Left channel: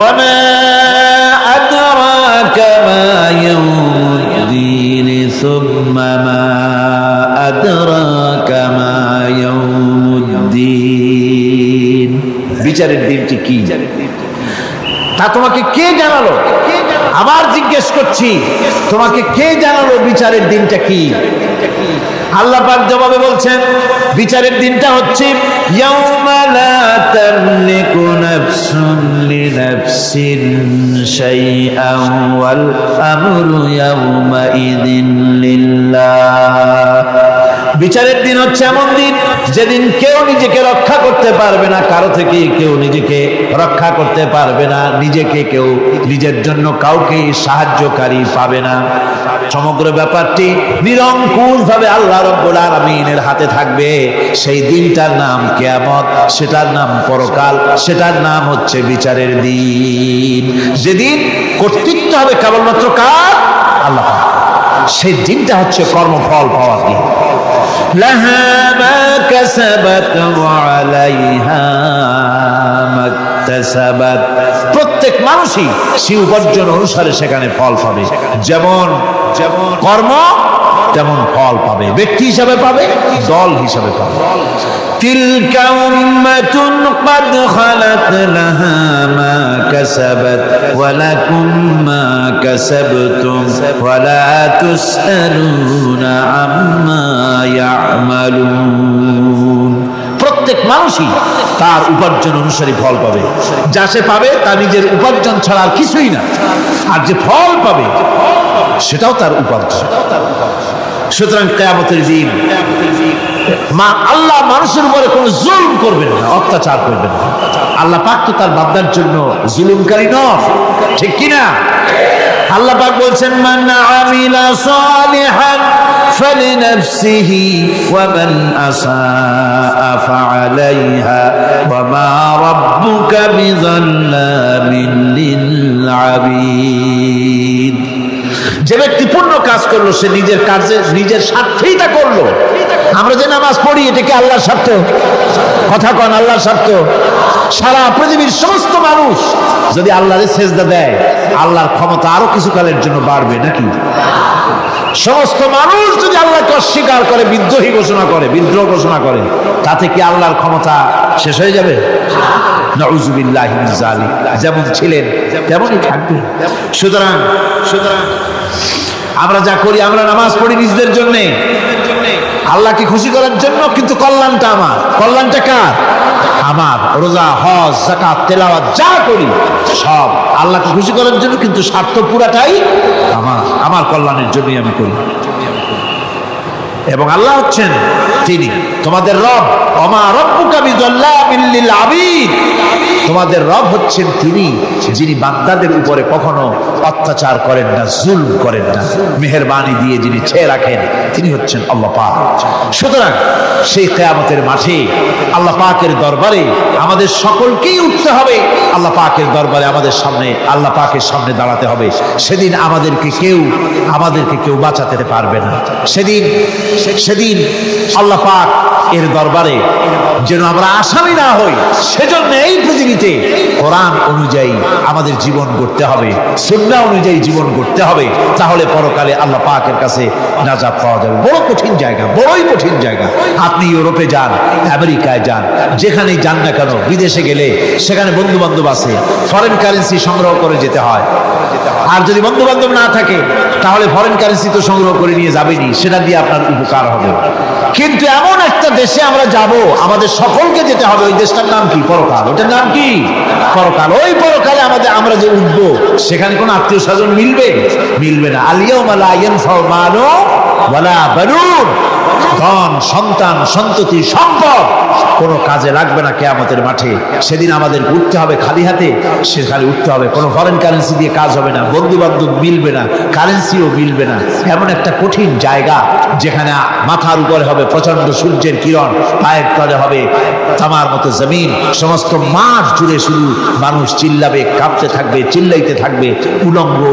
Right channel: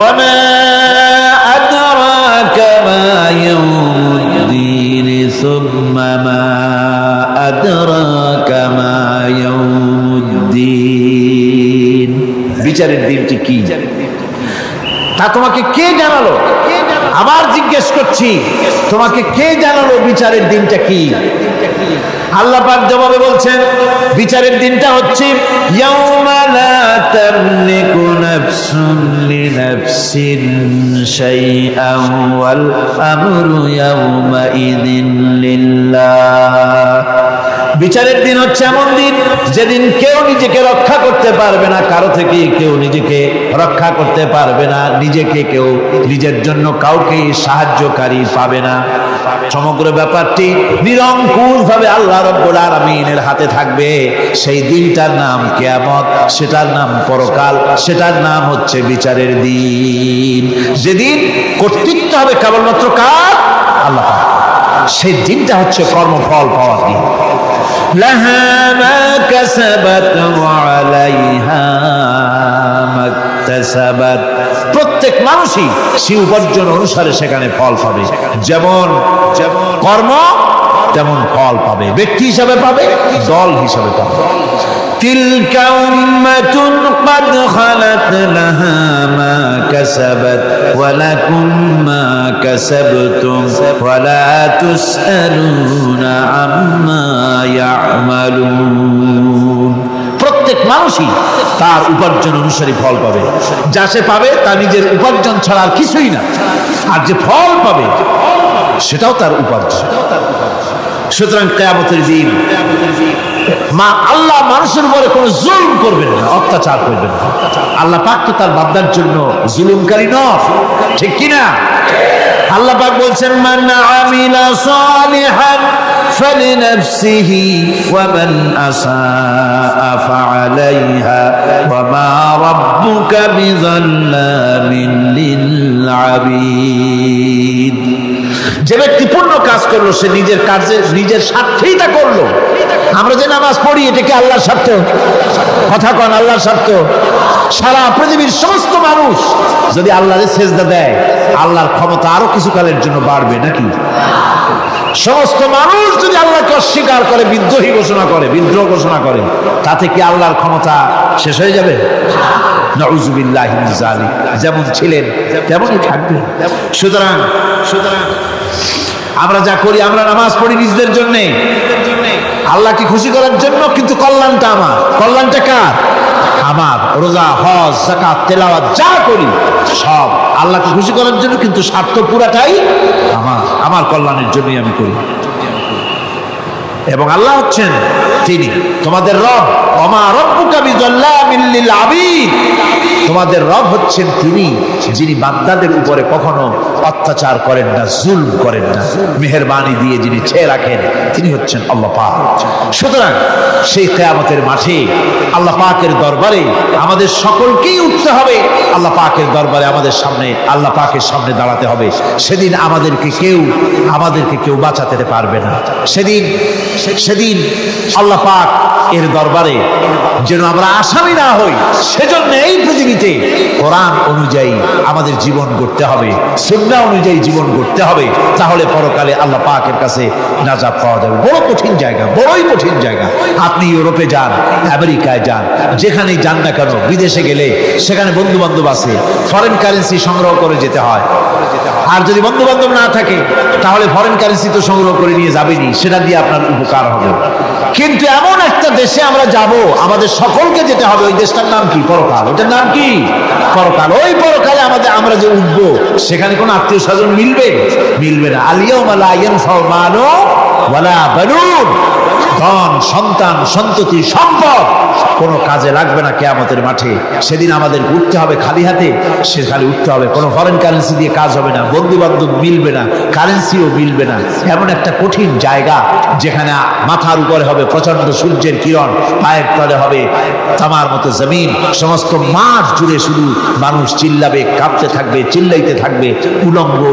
وما أدراك ما يوم الدين ثم ما أدراك ما يوم الدين বিচারের দিনটি কি তা তোমাকে কে জানালো? আবার জিজ্ঞেস করছি, তোমাকে কে জানালো বিচারের দিনটা কি? আল্লাহ পাক জবাবে বলছেন, বিচারের দিনটা হচ্ছে ইয়াউমা লা তামলিকু নাফসুন লিনাফসিন শাইআন ওয়াল আমরু ইয়াউমা ইযিন লিল্লাহ। বিচারের দিন হচ্ছে এমন দিন যেদিন কেউ নিজেকে রক্ষা করতে পারবে না, কারো থেকে কেউ নিজেকে রক্ষা করতে পারবে না, নিজেকে কেউ নিজের জন্য কাউকে সাহায্যকারী পাবে না। সমগ্র ব্যাপারটি নিরঙ্কুশ ভাবে আল্লাহ রাব্বুল আলামিনের হাতে থাকবে। সেই দিনটার নাম কিয়ামত, সেটার নাম পরকাল, সেটার নাম হচ্ছে বিচারের দিন। যেদিন কর্তৃত্ব হবে কেবলমাত্র কার? আল্লাহ পাক। সেই দিনটা হচ্ছে কর্মফল পাওয়ার দিন। লাহা মা কাসাবাত ওয়া আলাইহা মাকতাসাবাত। প্রত্যেক মানুষই সে উপার্জন অনুসারে সেখানে ফল পাবে। যেমন কর্ম তেমন ফল পাবে, ব্যক্তি হিসাবে পাবে, দল হিসাবে পাবে। তিলকা উম্মাতুন ক্বাদ খালাত লাহা মা কাসাবাত ওয়া লাকুম মা কাসাবতুম ওয়া লা তুসআলুনা আম্মা ইয়ামালুন। প্রত্যেক মানুষই তার উপার্জন অনুসারী ফল পাবে। যা সে পাবে তা নিজের উপার্জন ছাড়া আর কিছুই না, আর যে ফল পাবে সেটাও তার উপার্জন। সুতরাং কিয়ামতের দিন আল্লাহ মানুষের উপরে কোনো জুলুম করবেন না, অত্যাচার করবেন না। আল্লাহ পাক তো তার বান্দার জন্য জুলুমকারী নন, ঠিক কিনা? আল্লাহ পাক বলছেন, মান আমিলা সালিহান ফালিনাফসিহি ওয়া মান আসাআ ফাআলাইহা ওয়া মা রাব্বুকা বিযাল্লামিন লিল আবিদ। যে ব্যক্তি পূর্ণ কাজ করলো সে নিজের কাজে নিজের স্বার্থেই তা করলো। আমরা যে নামাজ পড়ি এটা কি আল্লাহর স্বার্থ? কথা কন, আল্লাহর স্বার্থ? সারা পৃথিবীর সমস্ত মানুষ যদি আল্লাহরে সেজদা দেয়, আল্লাহর ক্ষমতা আরো কিছু কালের জন্য বাড়বে নাকি? সমস্ত মানুষ যদি আল্লাহকে অস্বীকার করে, বিদ্রোহী ঘোষণা করে, বিদ্রোহ ঘোষণা করে, তাতে কি আল্লাহর ক্ষমতা শেষ হয়ে যাবে? নাউযুবিল্লাহি মিন যালিক। যেমন ছিলেন তেমনই থাকবে। সুতরাং আমরা যা করি, আমরা নামাজ পড়ি নিজেদের জন্য, আল্লাহকে খুশি করার জন্য, কিন্তু কল্যাণটা আমার। কল্যাণটা কার? আমার। রোজা, হজ, যাকাত, তেলাওয়াত যা করি সব আল্লাহকে খুশি করার জন্য, কিন্তু স্বার্থ পুরাটাই আমার কল্যাণের জন্যই আমি করি। এবং আল্লাহ হচ্ছেন তিনি তোমাদের রব। ওমা রাব্বুকা বিযাল্লামিন লিল আবিদ। তোমাদের রব হচ্ছেন তিনি যিনি বান্দাদের উপরে কখনো অত্যাচার করেন না, জুলম করেন না, মেহেরবানি দিয়ে যিনি ছেয়ে রাখেন, তিনি হচ্ছেন আল্লাহ পাক। সুতরাং সেই কিয়ামতের মাঠে আল্লাহ পাকের দরবারে আমাদের সকলকেই উঠতে হবে। আল্লাহ পাকের দরবারে আমাদের সামনে, আল্লাহ পাকের সামনে দাঁড়াতে হবে। সেদিন আমাদেরকে কেউ বাঁচাতে পারবে না। সেদিন আল্লাহ পাক এর দরবারে যেন আমরা আসামি না হই, সেজন্য এই পৃথিবীতে কোরআন অনুযায়ী আমাদের জীবন গড়তে হবে, সুন্নাহ অনুযায়ী জীবন গড়তে হবে। তাহলে পরকালে আল্লাহ পাকের কাছে নাজাত পাওয়া যাবে। বড় কঠিন জায়গা, বড়ই কঠিন জায়গা। আপনি ইউরোপে যান, আমেরিকায় যান, যেখানেই যান না কেন, বিদেশে গেলে সেখানে বন্ধু বান্ধব আছে, ফরেন কারেন্সি সংগ্রহ করে যেতে হয়। আর যদি বন্ধু বান্ধব না থাকে তাহলে ফরেন কারেন্সি তো সংগ্রহ করে নিয়ে যাবেনি, সেটা দিয়ে আপনার উপকার হবে। কিন্তু এমন একটা দেশে আমরা যাব, আমাদের সকলকে যেতে হবে। ওই দেশটার নাম কি? পরকাল। ওটার নাম কি? পরকাল। ওই পরকালে আমরা যে উঠবো, সেখানে কোনো আত্মীয় স্বজন মিলবে না। আল ইয়াউমা লা ইয়ানফাউ মালু ওয়ালা বানুন। ধন, সন্তান, সন্ততি, সম্পদ কোনো কাজে লাগবে না কিয়ামতের মাঠে। সেদিন আমাদের উঠতে হবে খালি হাতে। সেখানে উঠতে হবে, কোনো ফরেন কারেন্সি দিয়ে কাজ হবে না, বন্ধু বান্ধব মিলবে না, কারেন্সিও মিলবে না। এমন একটা কঠিন জায়গা যেখানে মাথার উপরে হবে প্রচন্ড সূর্যের কিরণ, পায়ের তলে হবে তামার মতো জমিন, সমস্ত মাঠ জুড়ে শুধু মানুষ চিল্লাবে, কাঁপতে থাকবে, চিল্লাইতে থাকবে,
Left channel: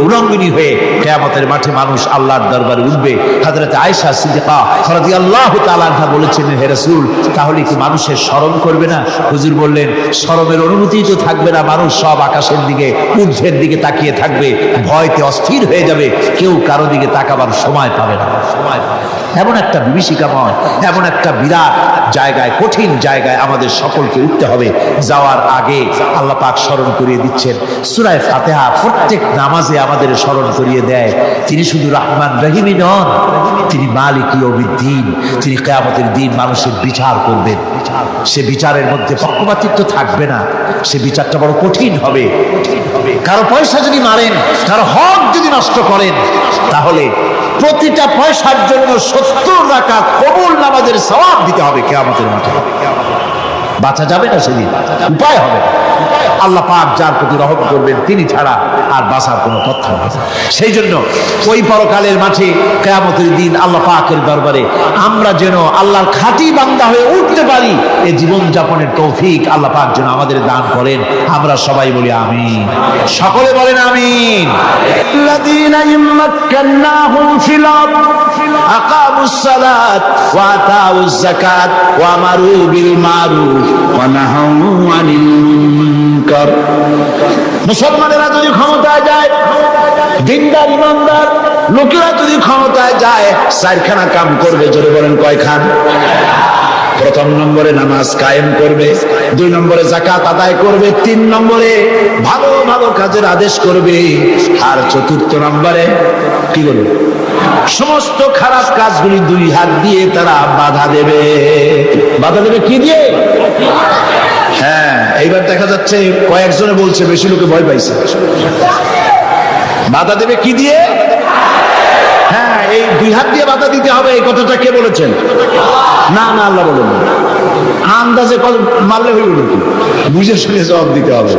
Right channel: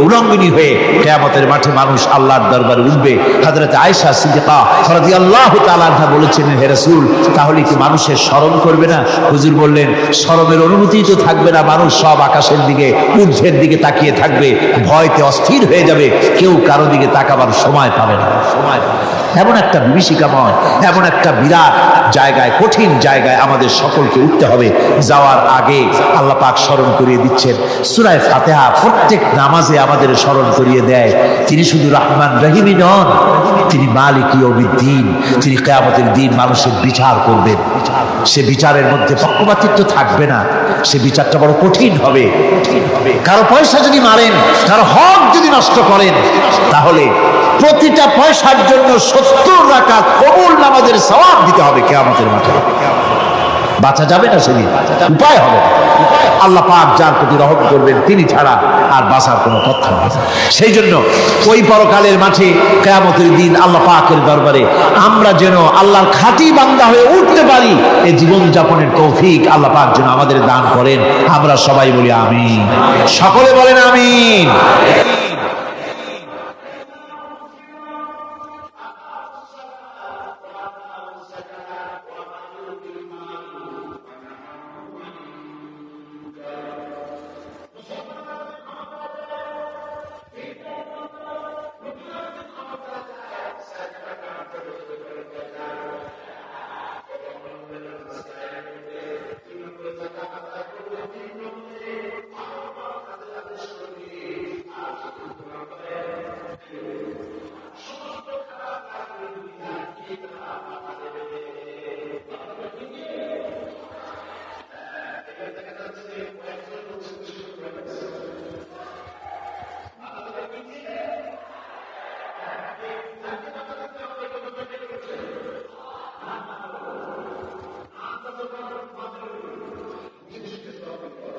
উলঙ্গিনী হয়ে কিয়ামতের মাঠে মানুষ আল্লাহর দরবারে উঠবে। হযরত আয়েশা সিদ্দিকা রাদিয়াল্লাহু তাআলা আনহা বলেছেন, হে রাসূল, তাহলে কি মানুষের স্মরণ করবে না? হুজুর বললেন স্মরণের অনুভূতি তো থাকবে না, মানুষ সব আকাশের দিকে ঊর্ধ্বের দিকে তাকিয়ে থাকবে, ভয়তে অস্থির হয়ে যাবে, কেউ কারো দিকে তাকাবার সময় পাবে না। এমন একটা বিভীষিকাময়, এমন একটা বিরাট জায়গায়, কঠিন জায়গায় আমাদের সকলকে উঠতে হবে। যাওয়ার আগে আল্লাহ পাক স্মরণ করিয়ে দিচ্ছেন, সূরা ফাতিহা প্রত্যেক নামাজে আমাদের স্মরণ করিয়ে দেয় তিনি শুধু রহমান রহিমই নন, তিনি মালিক ইয়াউমিদ্দিন, তিনি কিয়ামতের দিন মানুষের বিচার করবেন। সে বিচারের মধ্যে পক্ষপাতিত্ব থাকবে না, সে বিচারটা বড় কঠিন হবে। কারো পয়সা যদি মারেন, কারো হক যদি নষ্ট করেন, তাহলে প্রতিটা পয়সার জন্য 70 রাকাত কবুল নামাজের সওয়াব দিতে হবে কিয়ামতের মাঠে। বাঁচা যাবে না সেদিন, উপায় হবে না। আল্লাহ পাক যার প্রতি রহম করবেন তিনি ছাড়া আর বাঁচার কোনো পথ হবে না। সেই জন্য ওই পরকালের মাঠে কিয়ামতের দিন আল্লাহ পাকের দরবারে আমরা যেন আল্লাহর খাঁটি বান্দা হয়ে উঠতে পারি, এই জীবন যাপনের তৌফিক আল্লাহ পাক যেন আমাদের দান করেন। আমরা সবাই বলি আমিন, সকলে বলেন আমিন। আল্লাযীনা ইম্মাক্কান্নাহুম ফিল আরদ আকামুস সালাত ওয়া আতাউজ যাকাত ওয়া আমারু বিল মারুফ ওয়া নাহাউ আনিল মুনকার। মুসলমানেরা যদি ক্ষমতায় যায়, দিনদার ইমানদার লোকেরা যদি ক্ষমতায় যায়, চারখানা কাম করবে। জোরে বলেন কয়খান? প্রথম নম্বরে নামাজ কায়েম করবে, 2 নম্বরে যাকাত আদায় করবে, 3 নম্বরে ভালো ভালো কাজের আদেশ করবে, আর 4র্থ নম্বরে কি করবে? সমস্ত খারাপ কাজগুলি 2 হাত দিয়ে তারা বাধা দেবে। বাধা দেবে কি দিয়ে? হ্যাঁ, এইবার দেখা যাচ্ছে কয়েকজনে বলছে, বেশি লোকে ভয় পাইছে। বাধা দেবে কি দিয়ে? হ্যাঁ, এই 2 হাত দিয়ে বাধা দিতে হবে। এই কথাটা কে বলেছেন? না না, আল্লাহ বলেন। আন্দাজে মারলে হইল নাকি? বুঝে শুনে জবাব দিতে হবে।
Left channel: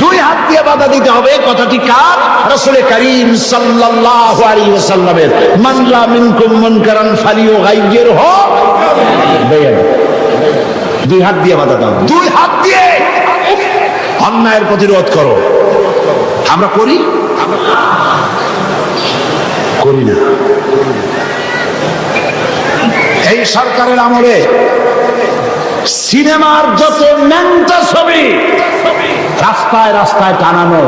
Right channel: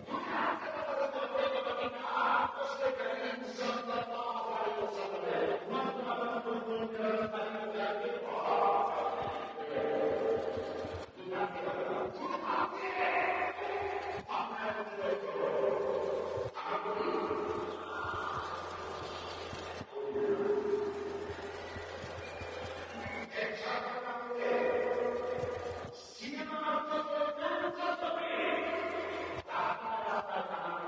2 হাত দিয়ে বাধা দিতে হবে। কথাটি কার? রাসূল করিম সাল্লাল্লাহু আলাইহি ওয়াসাল্লামের। মান রা মিনকুম মুনকারান ফালিয়ুগাইয়িরহু বিয়াদিহি। 2 হাত দিয়ে বাধা দাও, 2 হাত দিয়ে অন্যায়ের প্রতিরোধ করো। আমরা করি না। এই সরকারের আমলে সিনেমার যত ন্যাংটা ছবি রাস্তায় রাস্তায় টানানো,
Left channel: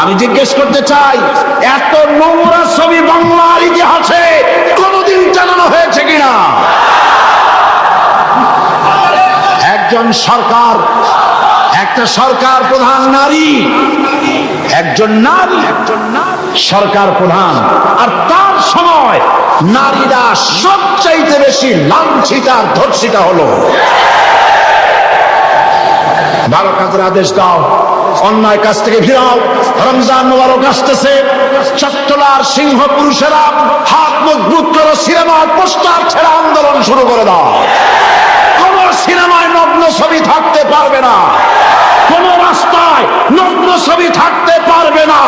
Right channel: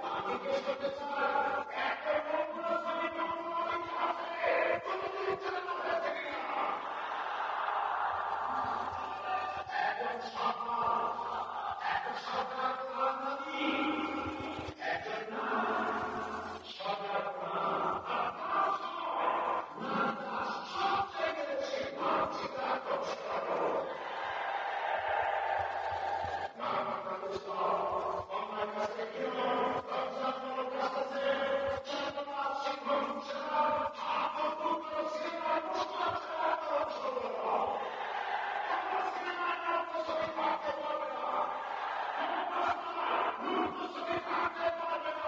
আমি জিজ্ঞেস করতে চাই, এত নোংরা ছবি বাংলার ইতিহাসে কোনদিন টানানো হয়েছে কিনা? একজন সরকার, একটা সরকার প্রধান নারী, একজন নারী সরকার প্রধান, আর তার সময় নারীরা সবচাইতে বেশি লাঞ্ছিত আর ধর্ষিতা হলো। ভালো কাজের আদেশ দাও, অন্যায় কাজ থেকে ফিরাও। রমজান মোবারক আসতেছে, চট্টলার সিংহ পুরুষেরা হাত মজবুত করো, সিনেমার পোস্টার ছেড়ে আন্দোলন শুরু করে দাও। কোন সিনেমায় নগ্ন ছবি থাকতে পারবে না, কোন রাস্তায় নগ্ন ছবি থাকতে পারবে না।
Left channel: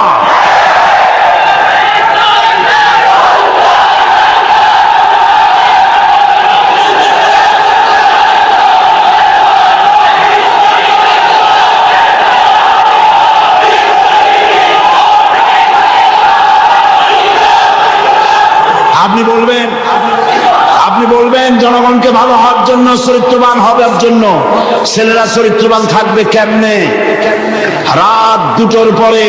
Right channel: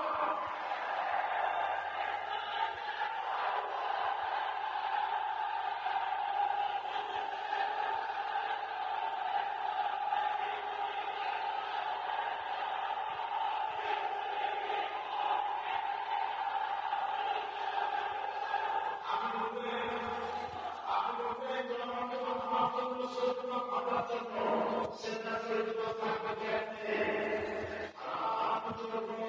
আপনি বলবেন জনগণকে ভালো হওয়ার জন্য, চরিত্রবান হওয়ার জন্য। ছেলেরা চরিত্রবান থাকবে কেমনে? রাত 2টোর পরে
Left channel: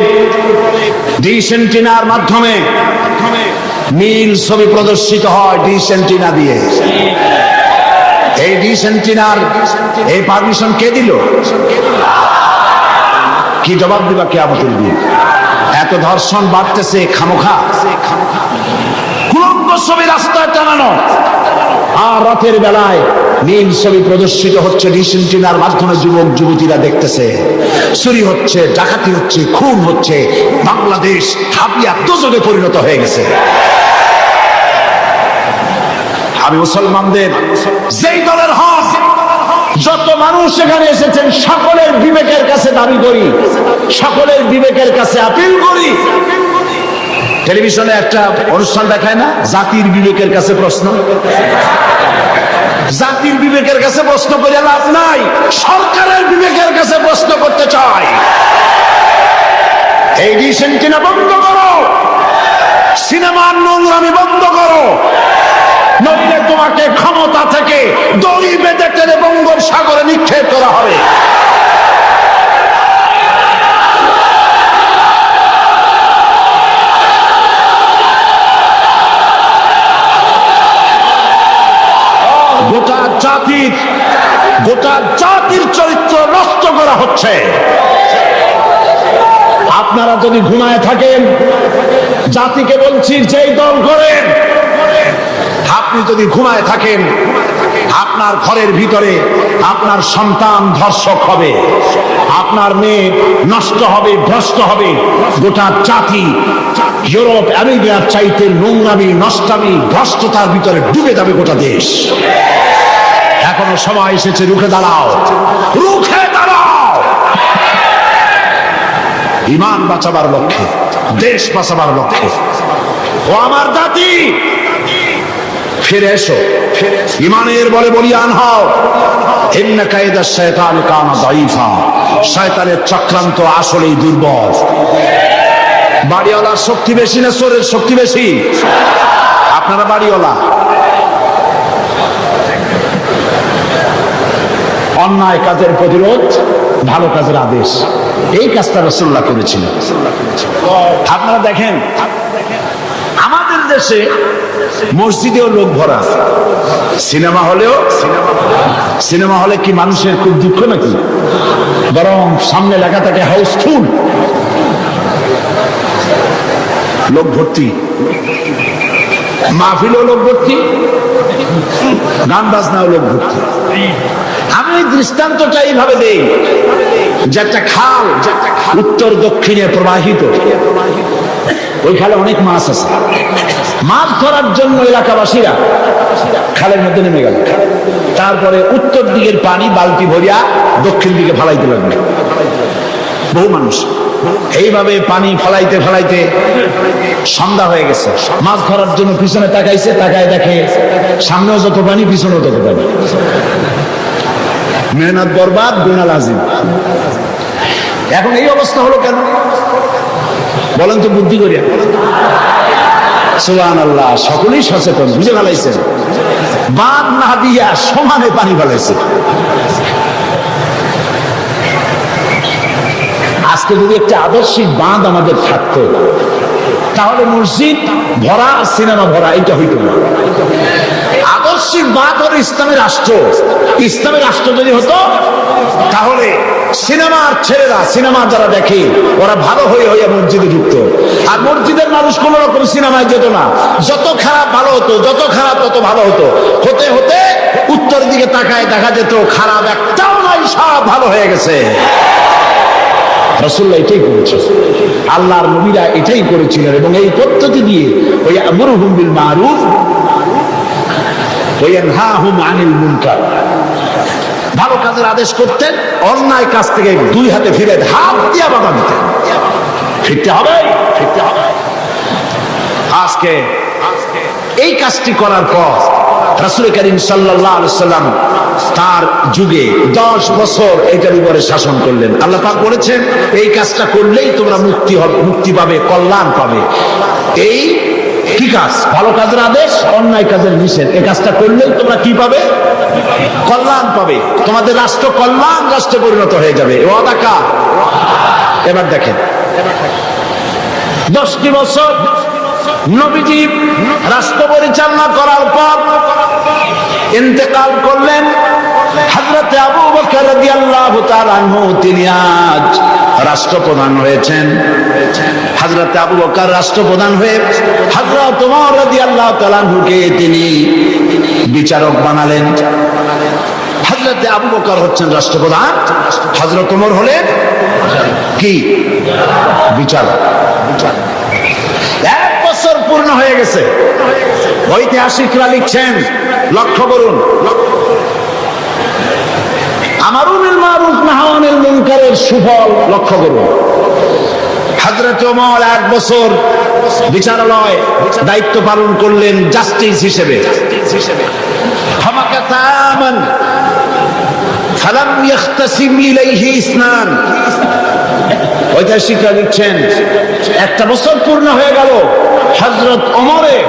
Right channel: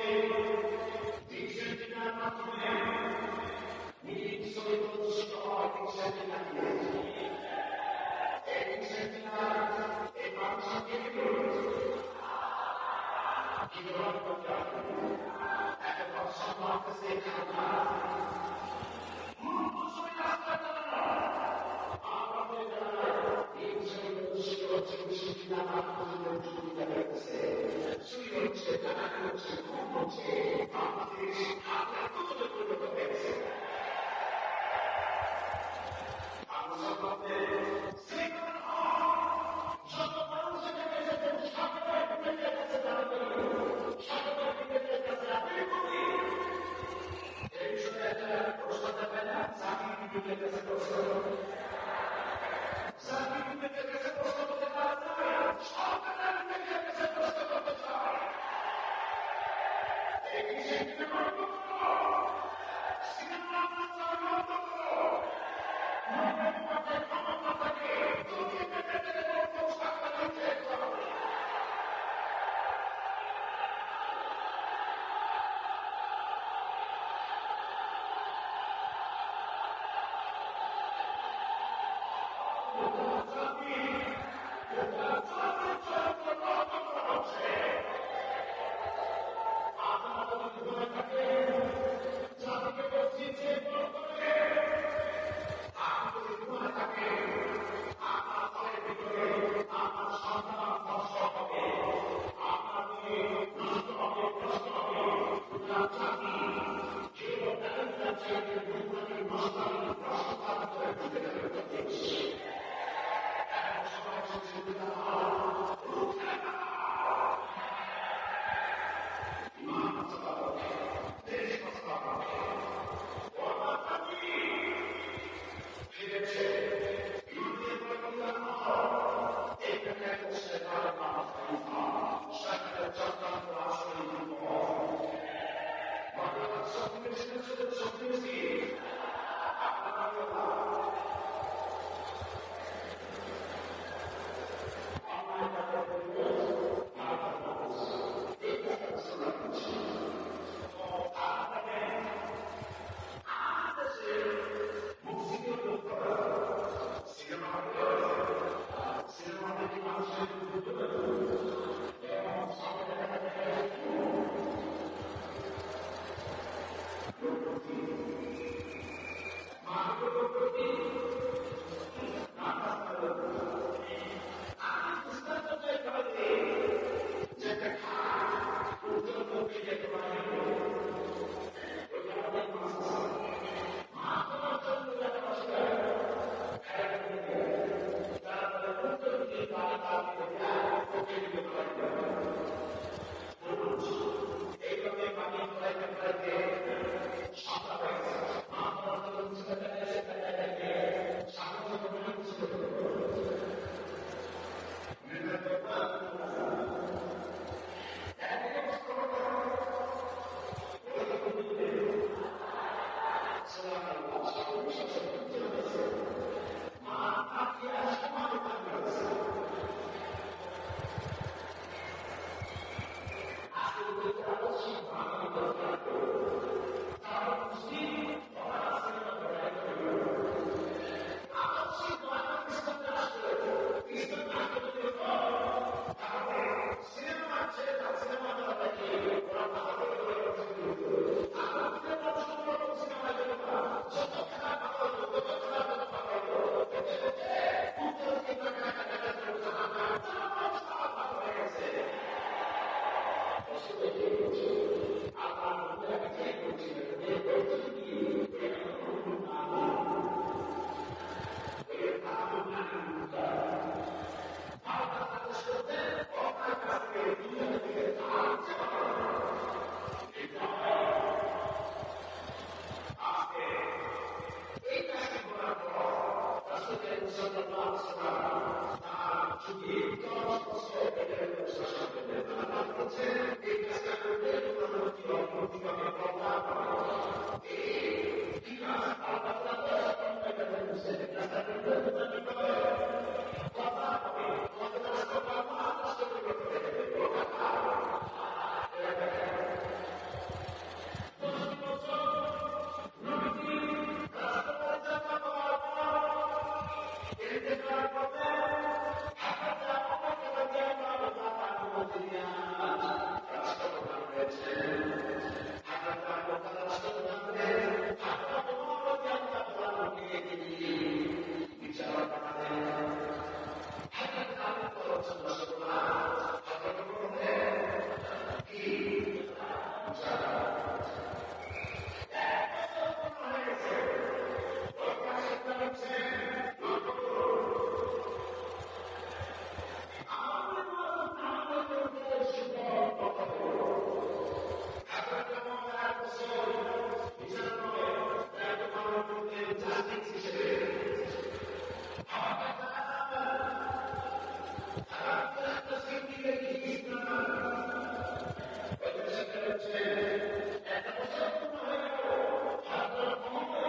ডিশ এন্টিনার মাধ্যমে নীল ছবি প্রদর্শিত হয়, ডিশ এন্টিনা দিয়ে। এই ডিশ এন্টিনার এই পারমিশন কে দিল? কি জবাব দিবা কিয়ামতের দিন? এত ধর্ষণ বাড়তেছে খামোখা, ছবি রাস্তায় টানানো, আর রাতের বেলায় নীল ছবি প্রদর্শিত হচ্ছে ডিশ এন্টিনার মাধ্যমে। যুবক যুবতীরা দেখতেছে, চুরি হচ্ছে, ডাকাতি হচ্ছে, খুন হচ্ছে। বাংলাদেশ হাবিয়া দোজখে পরিণত হয়ে গেছে। আমি মুসলমানদের যেই দলের হক, যত মানুষ এখানে এসেছেন, সকলের বিবেকের কাছে দাবি করি, সকলের বিবেকের কাছে আপিল করি। টেলিভিশনে একটা অনুষ্ঠান দেখায় না, জাতির বিবেকের কাছে প্রশ্ন। জাতির বিবেকের কাছে প্রশ্ন করে লাভ নাই, সরকারের বিবেকের কাছে প্রশ্ন করতে চাই। এই ডিশ এন্টিনা বন্ধ করো, সিনেমার নোংরামি বন্ধ করো। নইলে তোমাকে ক্ষমতা থেকে দড়ি বেঁধে টেনে বঙ্গোপসাগরে নিক্ষেপ করা হবে। গোটা জাতির চরিত্র নষ্ট করা হচ্ছে। আপনারা যদি ঘুমায় থাকেন, জাতিকে বলছি যেই দল করেন, আপনি যদি ঘুমায় থাকেন, আপনার ঘরের ভিতরে আপনার সন্তান ধর্ষক হবে, আপনার মেয়ে নষ্ট হবে, ভ্রষ্ট হবে। গোটা জাতি ইউরোপ আমেরিকার চাইতে নোংরামি, নষ্টামি, ভ্রষ্টতার ভিতরে ডুবে যাবে গোটা দেশ। এখনো সময় এসেছে, রুখে দাঁড়াও, রুখে দাঁড়াও। ঈমান বাঁচাবার লক্ষ্যে, দেশ বাঁচাবার লক্ষ্যে। ও আমার জাতি, ফিরে এসো, ঈমানের বলে বলিয়ান হও। ইন্না কায়দা শায়তানি কানা দাঈফা। শয়তানের চক্রান্ত আসলেই দুর্বল। বাড়িওয়ালার শক্তি বেশি না চোরের শক্তি বেশি? আপনারা বাড়িওয়ালা। অন্যায় কাজের প্রতিরোধ, ভালো কাজের আদেশ, এই কাজটা রাসূলুল্লাহ করেছিলেন। আপনারা দেখেন, আমাদের দেশে মসজিদেও লোক ভরা, সিনেমা হলে কি মানুষের খুব দুঃখ নাকি? বরং সামনে লেখা থাকে হাউসফুল, লোক ভর্তি। মাহফিলেও লোক ভর্তি, গান বাজনাও লোক ভর্তি। আমি দৃষ্টান্তটা এইভাবে দেই যে একটা খাল উত্তর দক্ষিণে প্রবাহিত, ওই খালে অনেক মাছ আছে। মাছ ধরার জন্য এলাকাবাসীরা খালের মধ্যে নেমে গেল। তারপরে উত্তর দিকের পানি বালতি ভরিয়া দক্ষিণ দিকে ফালাইতে লাগলো বহু মানুষ। এইভাবে পানি ফালাইতে ফালাইতে সন্ধ্যা হয়ে গেছে। মাছ ধরার জন্য পিছনে তাকাইছে, তাকায় দেখে সামনেও যত পানি, পিছনেও তত পানি। মেহনত বরবাদ, গুনাহ লাজিম। এখন এই অবস্থা হলো কেন বলেন তো বুদ্ধি করিয়া? সুবহানাল্লাহ, সকলেই সচেতন, বুঝে ফেলাইছেন। বাঁধ না দিয়া সমানে পানি ফেলাইছে। আজকে যদি একটা আদর্শিক বাঁধ আমাদের থাকতো, তাহলে মসজিদ ভরা, সিনেমা ভরা, এটা হইতো না। আদর্শিক বাঁধ হলো ইসলামের রাষ্ট্র। ইসলামের রাষ্ট্র যদি হতো, তাহলে সিনেমার ছেলেরা, সিনেমা যারা দেখে, ওরা ভালো হয়ে মসজিদে ঢুকতো। আর মসজিদের মানুষ কোন রকম সিনেমায় যেত না। যত খারাপ ভালো হতো, যত খারাপ তত ভালো হতো। হতে হতে উত্তর দিকে তাকায় দেখা যেত খারাপ একটাও নাই, সব ভালো হয়ে গেছে। রাসূলুল্লাহ এটাই করেছেন, আল্লাহর নবীরা এটাই করেছিলেন। এবং এই পদ্ধতি দিয়ে ওই আমরুহুম বিল মারুফ ওয়া ইয়ানহাহুম আনিল মুনকার, ভালো কাজের আদেশ করতেন, অন্যায় কাজ থেকে দুই হাতে ফিরে হাত দিয়া বাধা দিতেন। ফিরতে হবে, ফিরতে হবে। আজকে এই কাজটি করার পর রাসূল করিম সাল্লাল্লাহু আলাইহি ওয়াসাল্লাম তার যুগে 10 বছর এটার উপরে শাসন করলেন। আল্লাহ পাক বলেছেন, এই কাজটা করলেই তোমরা মুক্তি হবে, মুক্তি পাবে, কল্যাণ পাবে। এই কি কাজ? ভালো কাজের আদেশ, অন্যায় কাজের নিষেধ। এই কাজটা করলেই তোমরা কি পাবে? কল্যাণ পাবে। তোমাদের রাষ্ট্র কল্যাণ রাষ্ট্রে পরিণত হয়ে যাবে। ওয়াদা কার? এবার দেখেন, 10টি বছর নবীজি রাষ্ট্র পরিচালনা করার পর ইন্তেকাল করলেন। হযরত আবু বকর রাদিয়াল্লাহু তাআলা আনহু তিনি আজ রাষ্ট্রপ্রধান হয়েছেন। হযরত আবু বকর রাষ্ট্রপ্রধান হয়ে হযরত ওমর রাদিয়াল্লাহু তাআলা আনহুকে তিনি বিচারক বানালেন। হযরত আবু বকর হচ্ছেন রাষ্ট্রপ্রধান, হযরত ওমর হলেন কি? বিচারক। 1 বছর পূর্ণ হয়ে গেছে। ঐতিহাসিকরা লিখছেন, লক্ষ্য করুন, আমরুল বিল মারুফ নাহি আনিল মুনকারের সুফল লক্ষ্য করুন। হযরত ওমর 1 বছর বিচারালয় দায়িত্ব পালন করলেন জাস্টিস হিসেবে। ফামাকাতামান ফালাম ইয়াখতাসিম ইলাইহি ইসনান। ঐতিহাসিকরা লিখছেন, 1 বছর পূর্ণ হয়ে গেল, হযরত ওমরের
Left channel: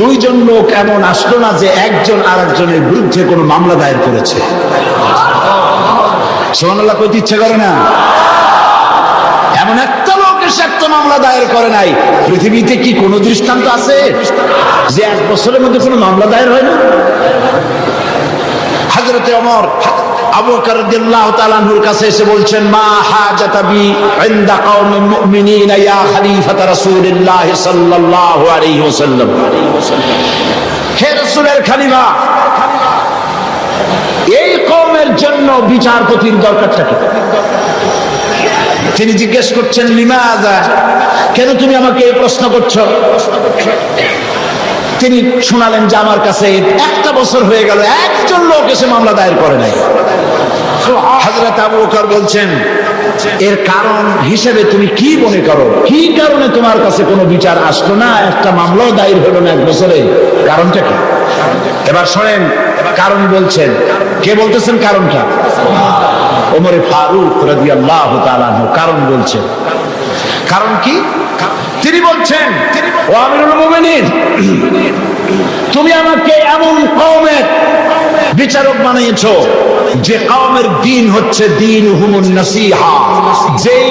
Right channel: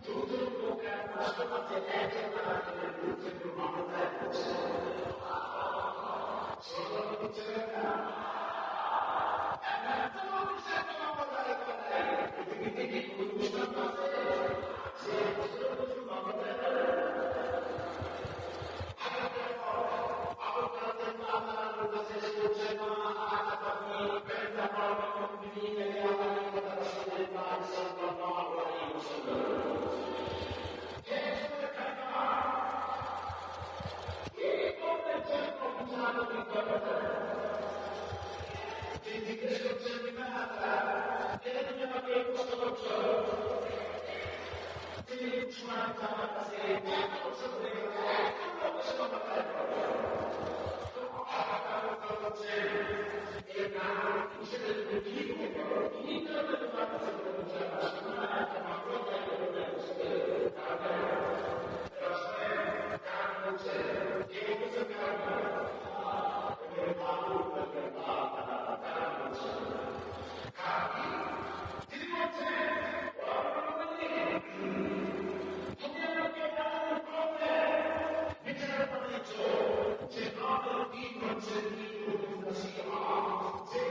দুইজন লোক এমন আসলো না যে একজন আরেকজনের বিরুদ্ধে কোনো মামলা দায়ের করেছে। সুবহানাল্লাহ কইতে ইচ্ছে করে না? এমন একটা লোক এসে একটা মামলা দায়ের করে নাই। পৃথিবীতে কি কোনো দৃষ্টান্ত আছে যে 1 বছরের মধ্যে কোনো মামলা দায়ের হয় না? হযরতে ওমর আবু বকর রাদিয়াল্লাহু তাআলা আনহুর কাছে এসে বলছেন, মা হাজাতা বি ইনদা কওমিল মুমিনিনা ইয়া খলিফাতা রাসূলিল্লাহ সাল্লাল্লাহু আলাইহি ওয়াসাল্লাম। হে রাসূলের খলিফা, এই কওমের জন্য বিচারপতির দরকারটা কি? তিনি জিজ্ঞেস করছেন, লিমাযা, কেন তুমি আমাকে এই প্রশ্ন করছো? তিনি শোনালেন যে আমার কাছে 1 বছর হয়ে গেল, একজন লোক এসে মামলা দায়ের করে নাই। হযরত আবু বকর বলছেন, এর কারণ হিসেবে তুমি কি মনে করো? কি কারণে তোমার কাছে কোনো বিচার আসলো না, একটা মামলাও দায়ের হলো না 1 বছরে? কারণটা কি? এবার শোনেন, কারণ বলছেন। কে বলতেছেন কারণটা? ওমর ফারুক রাদিয়াল্লাহু তাআলা আনহু কারণ বলছেন। কারণ কি? তিনি বলছেন, ও আমিরুল মুমিনিন, তুমি আমাকে এমন কওমের বিচারক বানিয়েছো যে কওমের দ্বীন হচ্ছে দীনুহুমুন নাসিহা, যেই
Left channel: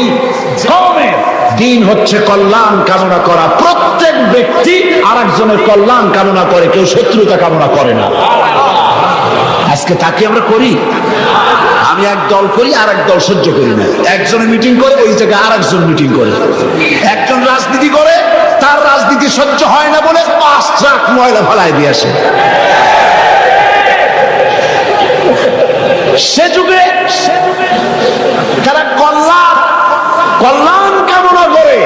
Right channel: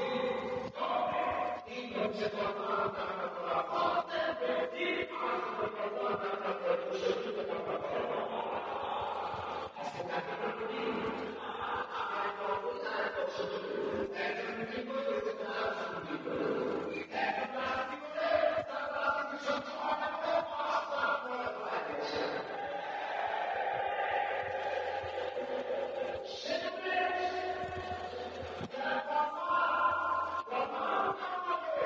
কওমের দ্বীন হচ্ছে কল্যাণ কামনা করা। প্রত্যেক ব্যক্তি আরেকজনের কল্যাণ কামনা করে, কেউ শত্রুতা কামনা করে না। আজকে তাকে আমরা করি। আমি এক দল করি, আর এক দল সহ্য করি না। একজনে মিটিং করে, ওই জায়গায় আর একজন মিটিং করে। একজন রাজনীতি করে, তার রাজনীতি সহ্য হয় না বলে 5 ট্রাক ময়লা ফেলায় দিয়ে আসে। সে যুগে তারা কল্যাণ কামনা করে,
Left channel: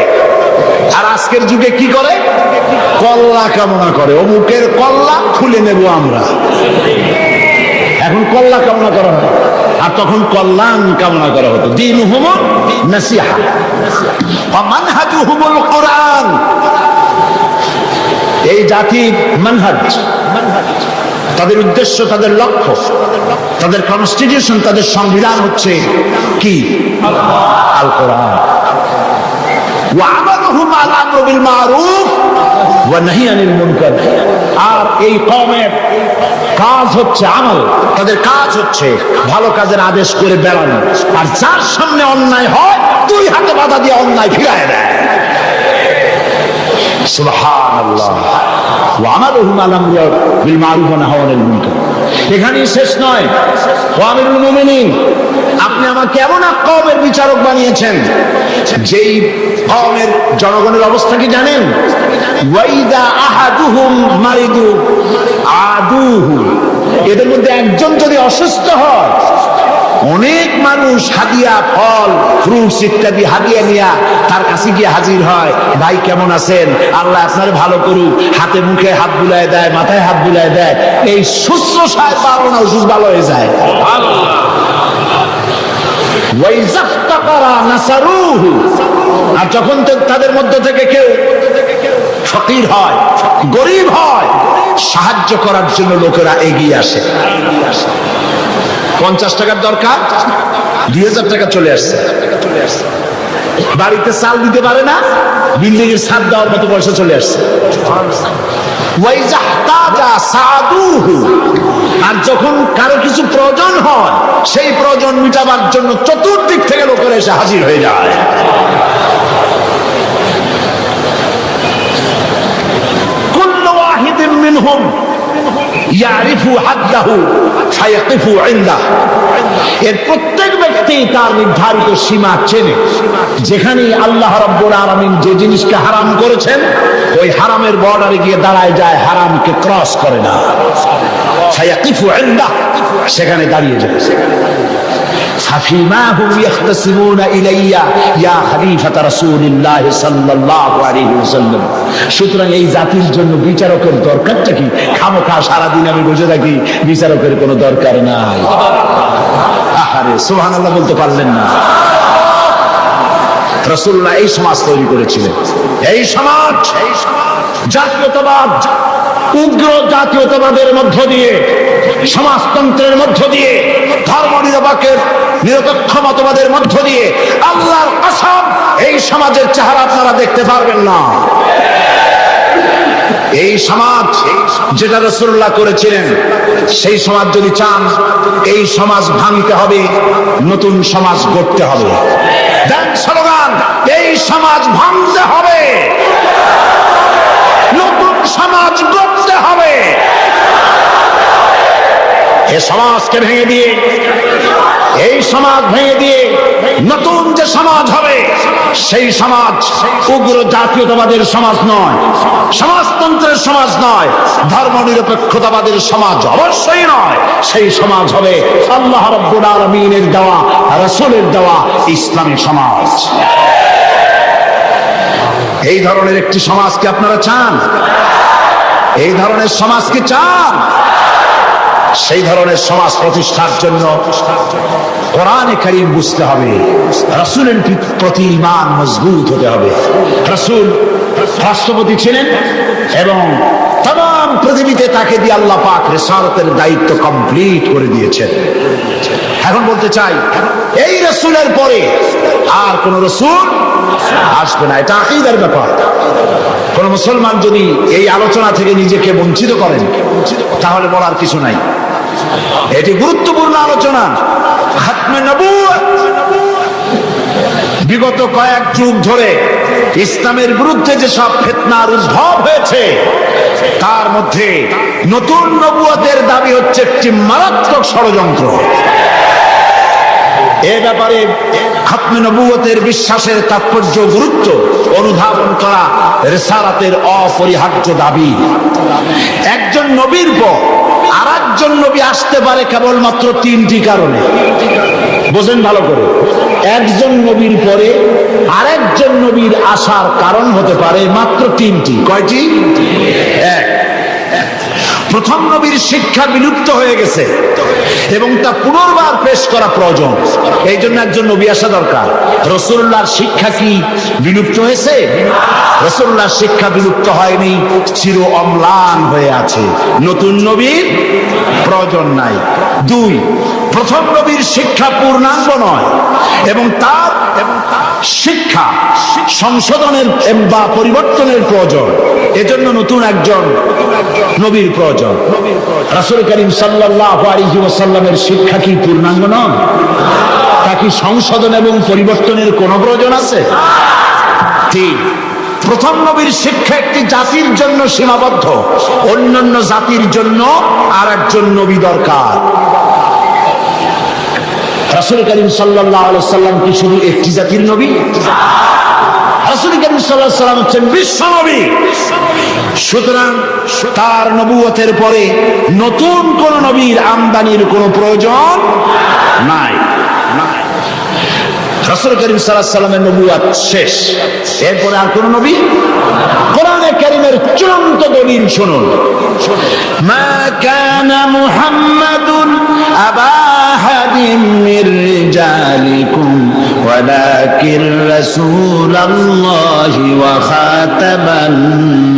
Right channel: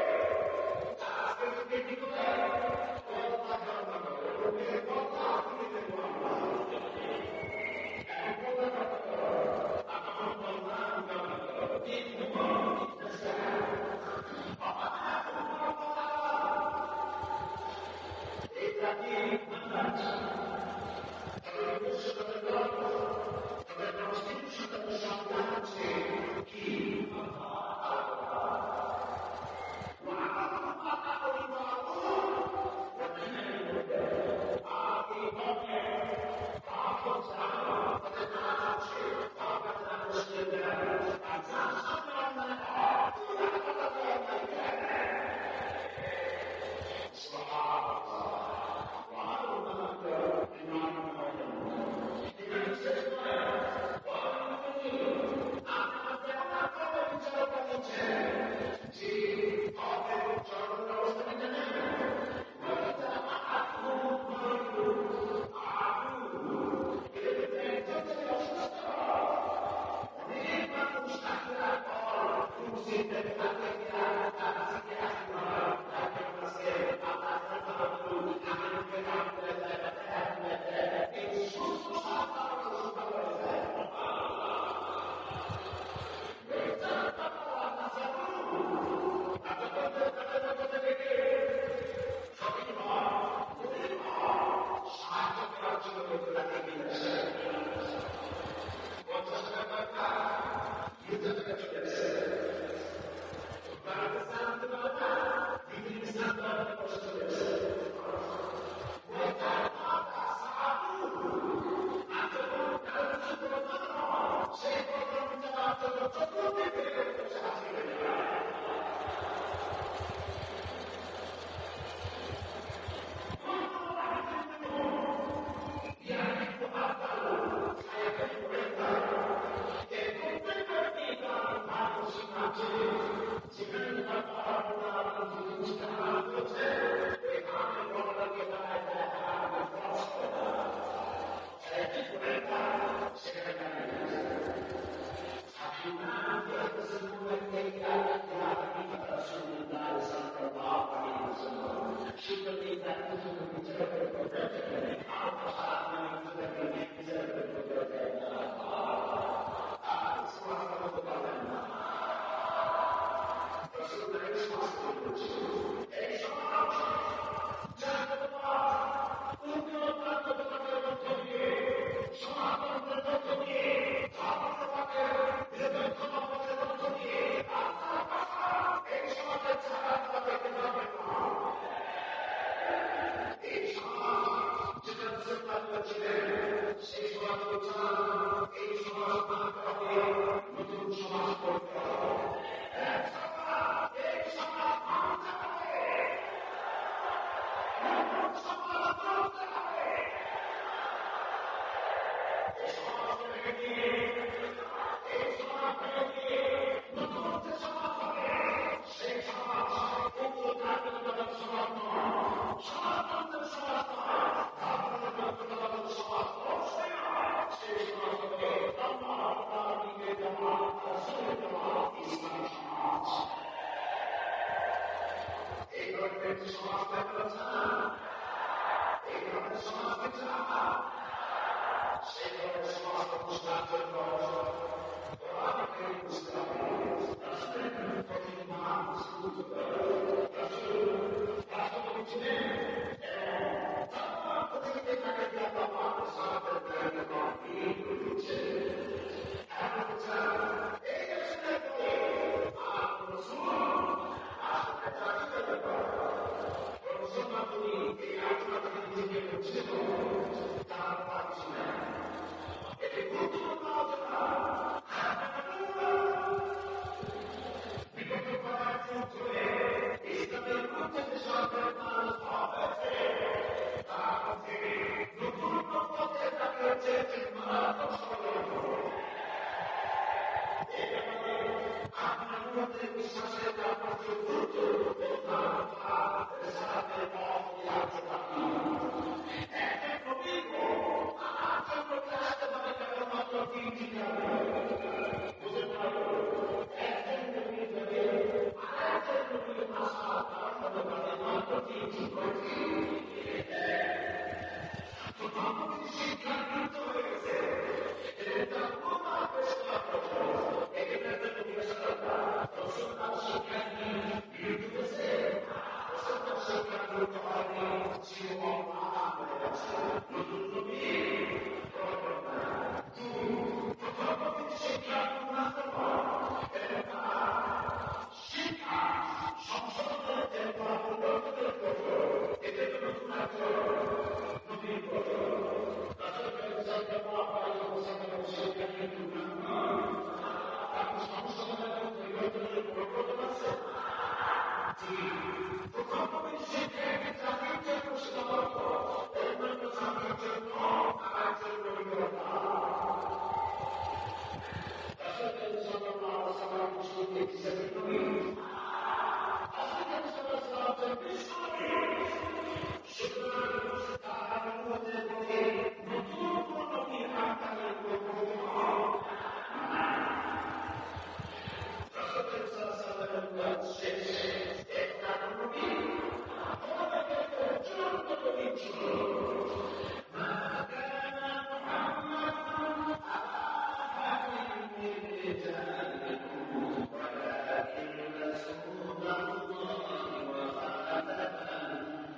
আর আজকের যুগে কি করে? কল্লা কামনা করে। অমুকের কল্লা খুলে নেব আমরা। এখন কল্লা কামনা করা হয়, আর তখন কল্যাণ কামনা করা হতো। দীনুহুমুন নাসিহা ওয়া মানহাজুহুমুল কুরআন। এই জাতির মানহাজ, তাদের উদ্দেশ্য, তাদের লক্ষ্য, তাদের কনস্টিটিউশন, তাদের সংবিধান হচ্ছে কি? আল কোরআন। ওয়া আমালুহুম আল আমরু বিল মারুফ ওয়া নাহি আনিল মুনকার। আর এই কওমের কাজ হচ্ছে আমল, তাদের কাজ হচ্ছে ভালো কাজের আদেশ করে বেড়ানো, আর যার সামনে অন্যায় হয় 2 হাতে বাধা দিয়ে অন্যায় ফিরায় দেয়। সুবহানাল্লাহ। ওয়া আমালুহুম আল আমরু বিল মারুফ ওয়া নাহি আনিল মুনকার। এখানেই শেষ নয়। ওয়া আমিরুল মুমিনিন, আপনি আমাকে এমন এক কওমের বিচারক বানিয়েছেন যেই কওমের জনগণের অবস্থা কি জানেন? ওয়াইদা আহাদুহুম মারিদু আদুহু। এদের মধ্যে একজন যদি অসুস্থ হয়, অনেক মানুষ হাদিয়া, ফল, ফ্রুটস ইত্যাদি হাদিয়া নিয়ে তার কাছে গিয়ে হাজির হয়। ভাই কেমন আছেন? আল্লাহ আপনার ভালো করুক। হাতে মুখে হাত বুলায় দেয়, মাথায় হাত বুলায় দেয়। এই শুশ্রূষায় পারো না, অসুস্থ ভালো হয়ে যায়। আর যখন তাদের মধ্য থেকে কেউ ফকির হয়, গরিব হয়, সাহায্য করার জন্য লোকেরা এগিয়ে আসে। 50 টাকার দরকার, 2000 টাকা চলে আসছে। বাড়িতে চাল দিতে পারে না, বিল্ডিং এর ছাদ দেওয়ার মতো পয়সা চলে আসছে। আর যখন কারো কিছু প্রয়োজন হয়, সেই প্রয়োজন মিটাবার জন্য চতুর্দিক থেকে লোকেরা এসে হাজির হয়ে যায়। কুল্লু ওয়াহিদিন মিনহুম ইয়ারিফু হাদ্দাহু ফায়াকিফু ইনদাহু। এর প্রত্যেক ব্যক্তি তার নির্ধারিত সীমা চেনে। যেখানে আল্লাহ রাব্বুল আলামিন যে জিনিসকে হারাম করেছেন, ওই হারামের বর্ডারে গিয়ে দাঁড়ায় যায়, হারামকে ক্রস করে না। ফায়াকিফু ইনদাহু, সেখানে দাঁড়িয়ে যায়। ফাফিমা হুম ইয়াখতাসিমুনা ইলাইয়া ইয়া খলিফাতা রাসূলিল্লাহ সাল্লাল্লাহু আলাইহি ওয়াসাল্লাম। সুতরাং এই জাতির জন্য বিচারকের দরকারটা কি? খামোখা সারাদিন আমি বসে থাকি, বিচারকের কোনো দরকার নাই। আহারে সুবহানাল্লাহ বলতে পারলেন না? রাসূলুল্লাহ এই সমাজ তৈরি করেছিলেন। এই সমাজ জাতীয়তাবাদ, উগ্র জাতীয়তাবাদের মধ্য দিয়ে, সমাজতন্ত্রের মধ্য দিয়ে, ধর্ম নিরপেক্ষ মতবাদের মধ্য দিয়ে, আল্লাহর কসম এই সমাজের চেহারা আপনারা দেখতে পারবেন না। এই সমাজ যেটা রাসূলুল্লাহ করেছিলেন, সেই সমাজ যদি চান, এই সমাজ ভাঙতে হবে, নতুন সমাজ গড়তে হবে। দেন স্লোগান, এই সমাজ ভাঙতে হবে, নতুন সমাজ গড়তে হবে। এই সমাজকে ভেঙে দিয়ে, এই সমাজ ভেঙে দিয়ে নতুন যে সমাজ হবে, সেই সমাজ উগ্র জাতীয়তাবাদের সমাজ নয়, সমাজতন্ত্রের সমাজ নয়, ধর্মনিরপেক্ষতাবাদের সমাজ অবশ্যই নয়। সেই সমাজ হবে আল্লাহ রাব্বুল আলামিনের দেওয়া, রাসূলের দেওয়া ইসলামী সমাজ। এই ধরনের একটি সমাজকে আপনারা চান? এই ধরনের সমাজ কি চান? সেই ধরনের সমাজ প্রতিষ্ঠার জন্য কোরআনে কারীম বুঝতে হবে, রাসূলের প্রতি ঈমান মজবুত হতে হবে। রাসূল রাষ্ট্রপতি ছিলেন এবং তাম পৃথিবীতে তাকে দিয়ে আল্লাহ পাক রিসালাতের দায়িত্ব কমপ্লিট করে দিয়েছেন। এখন বলতে চাই, এই রাসূলের পরে আর কোন রাসূল আসবে না। এটা আকীদার ব্যাপার। কোন মুসলমান যদি এই আলোচনা থেকে নিজেকে বঞ্চিত করেন, তাহলে বলার কিছু নাই। এটি গুরুত্বপূর্ণ আলোচনা। খাতমে নবুয়ত বিগত কয়েক যুগ ধরে ইসলামের বিরুদ্ধে যে সব ফিতনার উদ্ভব হয়েছে, তার মধ্যে নতুন নবুয়তের দাবি হচ্ছে একটি মারাত্মক ষড়যন্ত্র। এ ব্যাপারে খাতমে নবুয়তের বিশ্বাসের তাৎপর্য, গুরুত্ব অনুধাবন করা রিসালাতের অপরিহার্য দাবি। একজন নবীর পর আর একজন নবী আসতে পারে কেবলমাত্র তিনটি কারণে। বোঝেন ভালো করে, একজন নবীর পরে আরেকজন নবীর আসার কারণ হতে পারে মাত্র তিনটি। কয়টি? এক, প্রথম নবীর শিক্ষা বিলুপ্ত হয়ে গেছে এবং তা পুনর্বার পেশ করা প্রয়োজন, এই জন্য একজন নবী আসা দরকার। রাসূলুল্লাহর শিক্ষা কি বিলুপ্ত হয়েছে? রাসূলুল্লাহর শিক্ষা বিলুপ্ত হয়নি, চির অম্লান হয়ে আছে। নতুন নবীর প্রয়োজন নাই। দুই, প্রথম নবীর শিক্ষা পূর্ণাঙ্গ নয় এবং তার শিক্ষা সংশোধনের বা পরিবর্তনের প্রয়োজন, এজন্য নতুন একজন নবীর প্রয়োজন। রাসূল করিম সাল্লাল্লাহু আলাইহি ওয়াসাল্লামের শিক্ষা কি পূর্ণাঙ্গ নয়? তা কি সংশোধন এবং পরিবর্তনের কোনো প্রয়োজন আছে? ঠিক, প্রথম নবীর শিক্ষা একটি জাতির জন্য সীমাবদ্ধ, অন্যান্য জাতির জন্য আর একজন নবী দরকার। রাসূল করিম সাল্লাল্লাহু আলাইহি ওয়াসাল্লাম কি শুধু একটি জাতির নবী? রাসূল করিম সাল্লাল্লাহু আলাইহি ওয়াসাল্লাম হচ্ছেন বিশ্ব নবী। সুতরাং তার নবুয়তের পরে নতুন কোন নবীর আমদানির কোনো প্রয়োজন নাই। রাসূল করিম সাল্লাল্লাহু আলাইহি ওয়াসাল্লামের নবুয়ত শেষ, এরপরে আর কোন নবী? কোরআনে কারীমের চূড়ান্ত দলিল শুনুন। মা কানা মুহাম্মাদুন আবা আহাদিন মির রিজালিকুম ওয়ালাকিন রাসূলুল্লাহি ওয়া খাতামান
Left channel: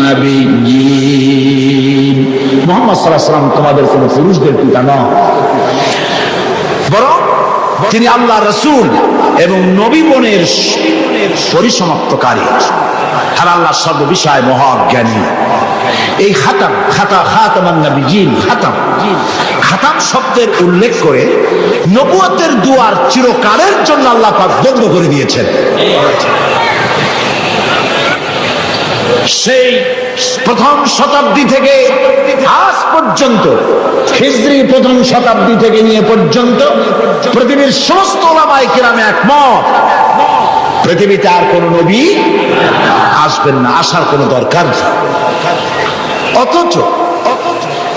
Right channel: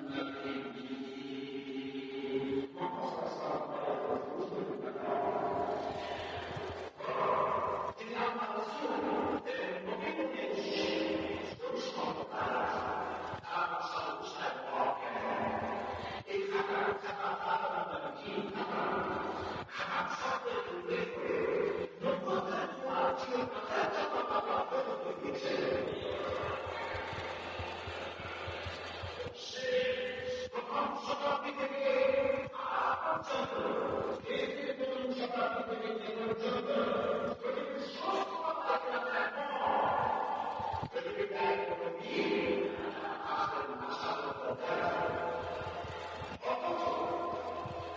নাবিয়্যিন। মুহাম্মদ সাল্লাল্লাহু আলাইহি ওয়াসাল্লাম তোমাদের কোন পুরুষদের পিতা নন, বরং তিনি আল্লাহর রাসূল এবং নবীগণের পরিসমাপ্তকারী, আর আল্লাহর সর্ববিষয়ে মহাজ্ঞানী। এই খাতামান নবিয়্যিন, খাতাম শব্দের উল্লেখ করে নবুয়তের দুয়ার চিরকালের জন্য আল্লাহ পাক বন্ধ করে দিয়েছেন। সেই প্রথম শতাব্দী থেকে আজ পর্যন্ত, হিজরি প্রথম শতাব্দী থেকে নিয়ে পর্যন্ত পৃথিবীর সমস্ত উলামায়ে কেরাম একমত, পৃথিবীতে আর কোন নবী আসবেন না, আসার কোন দরকার নেই। অথচ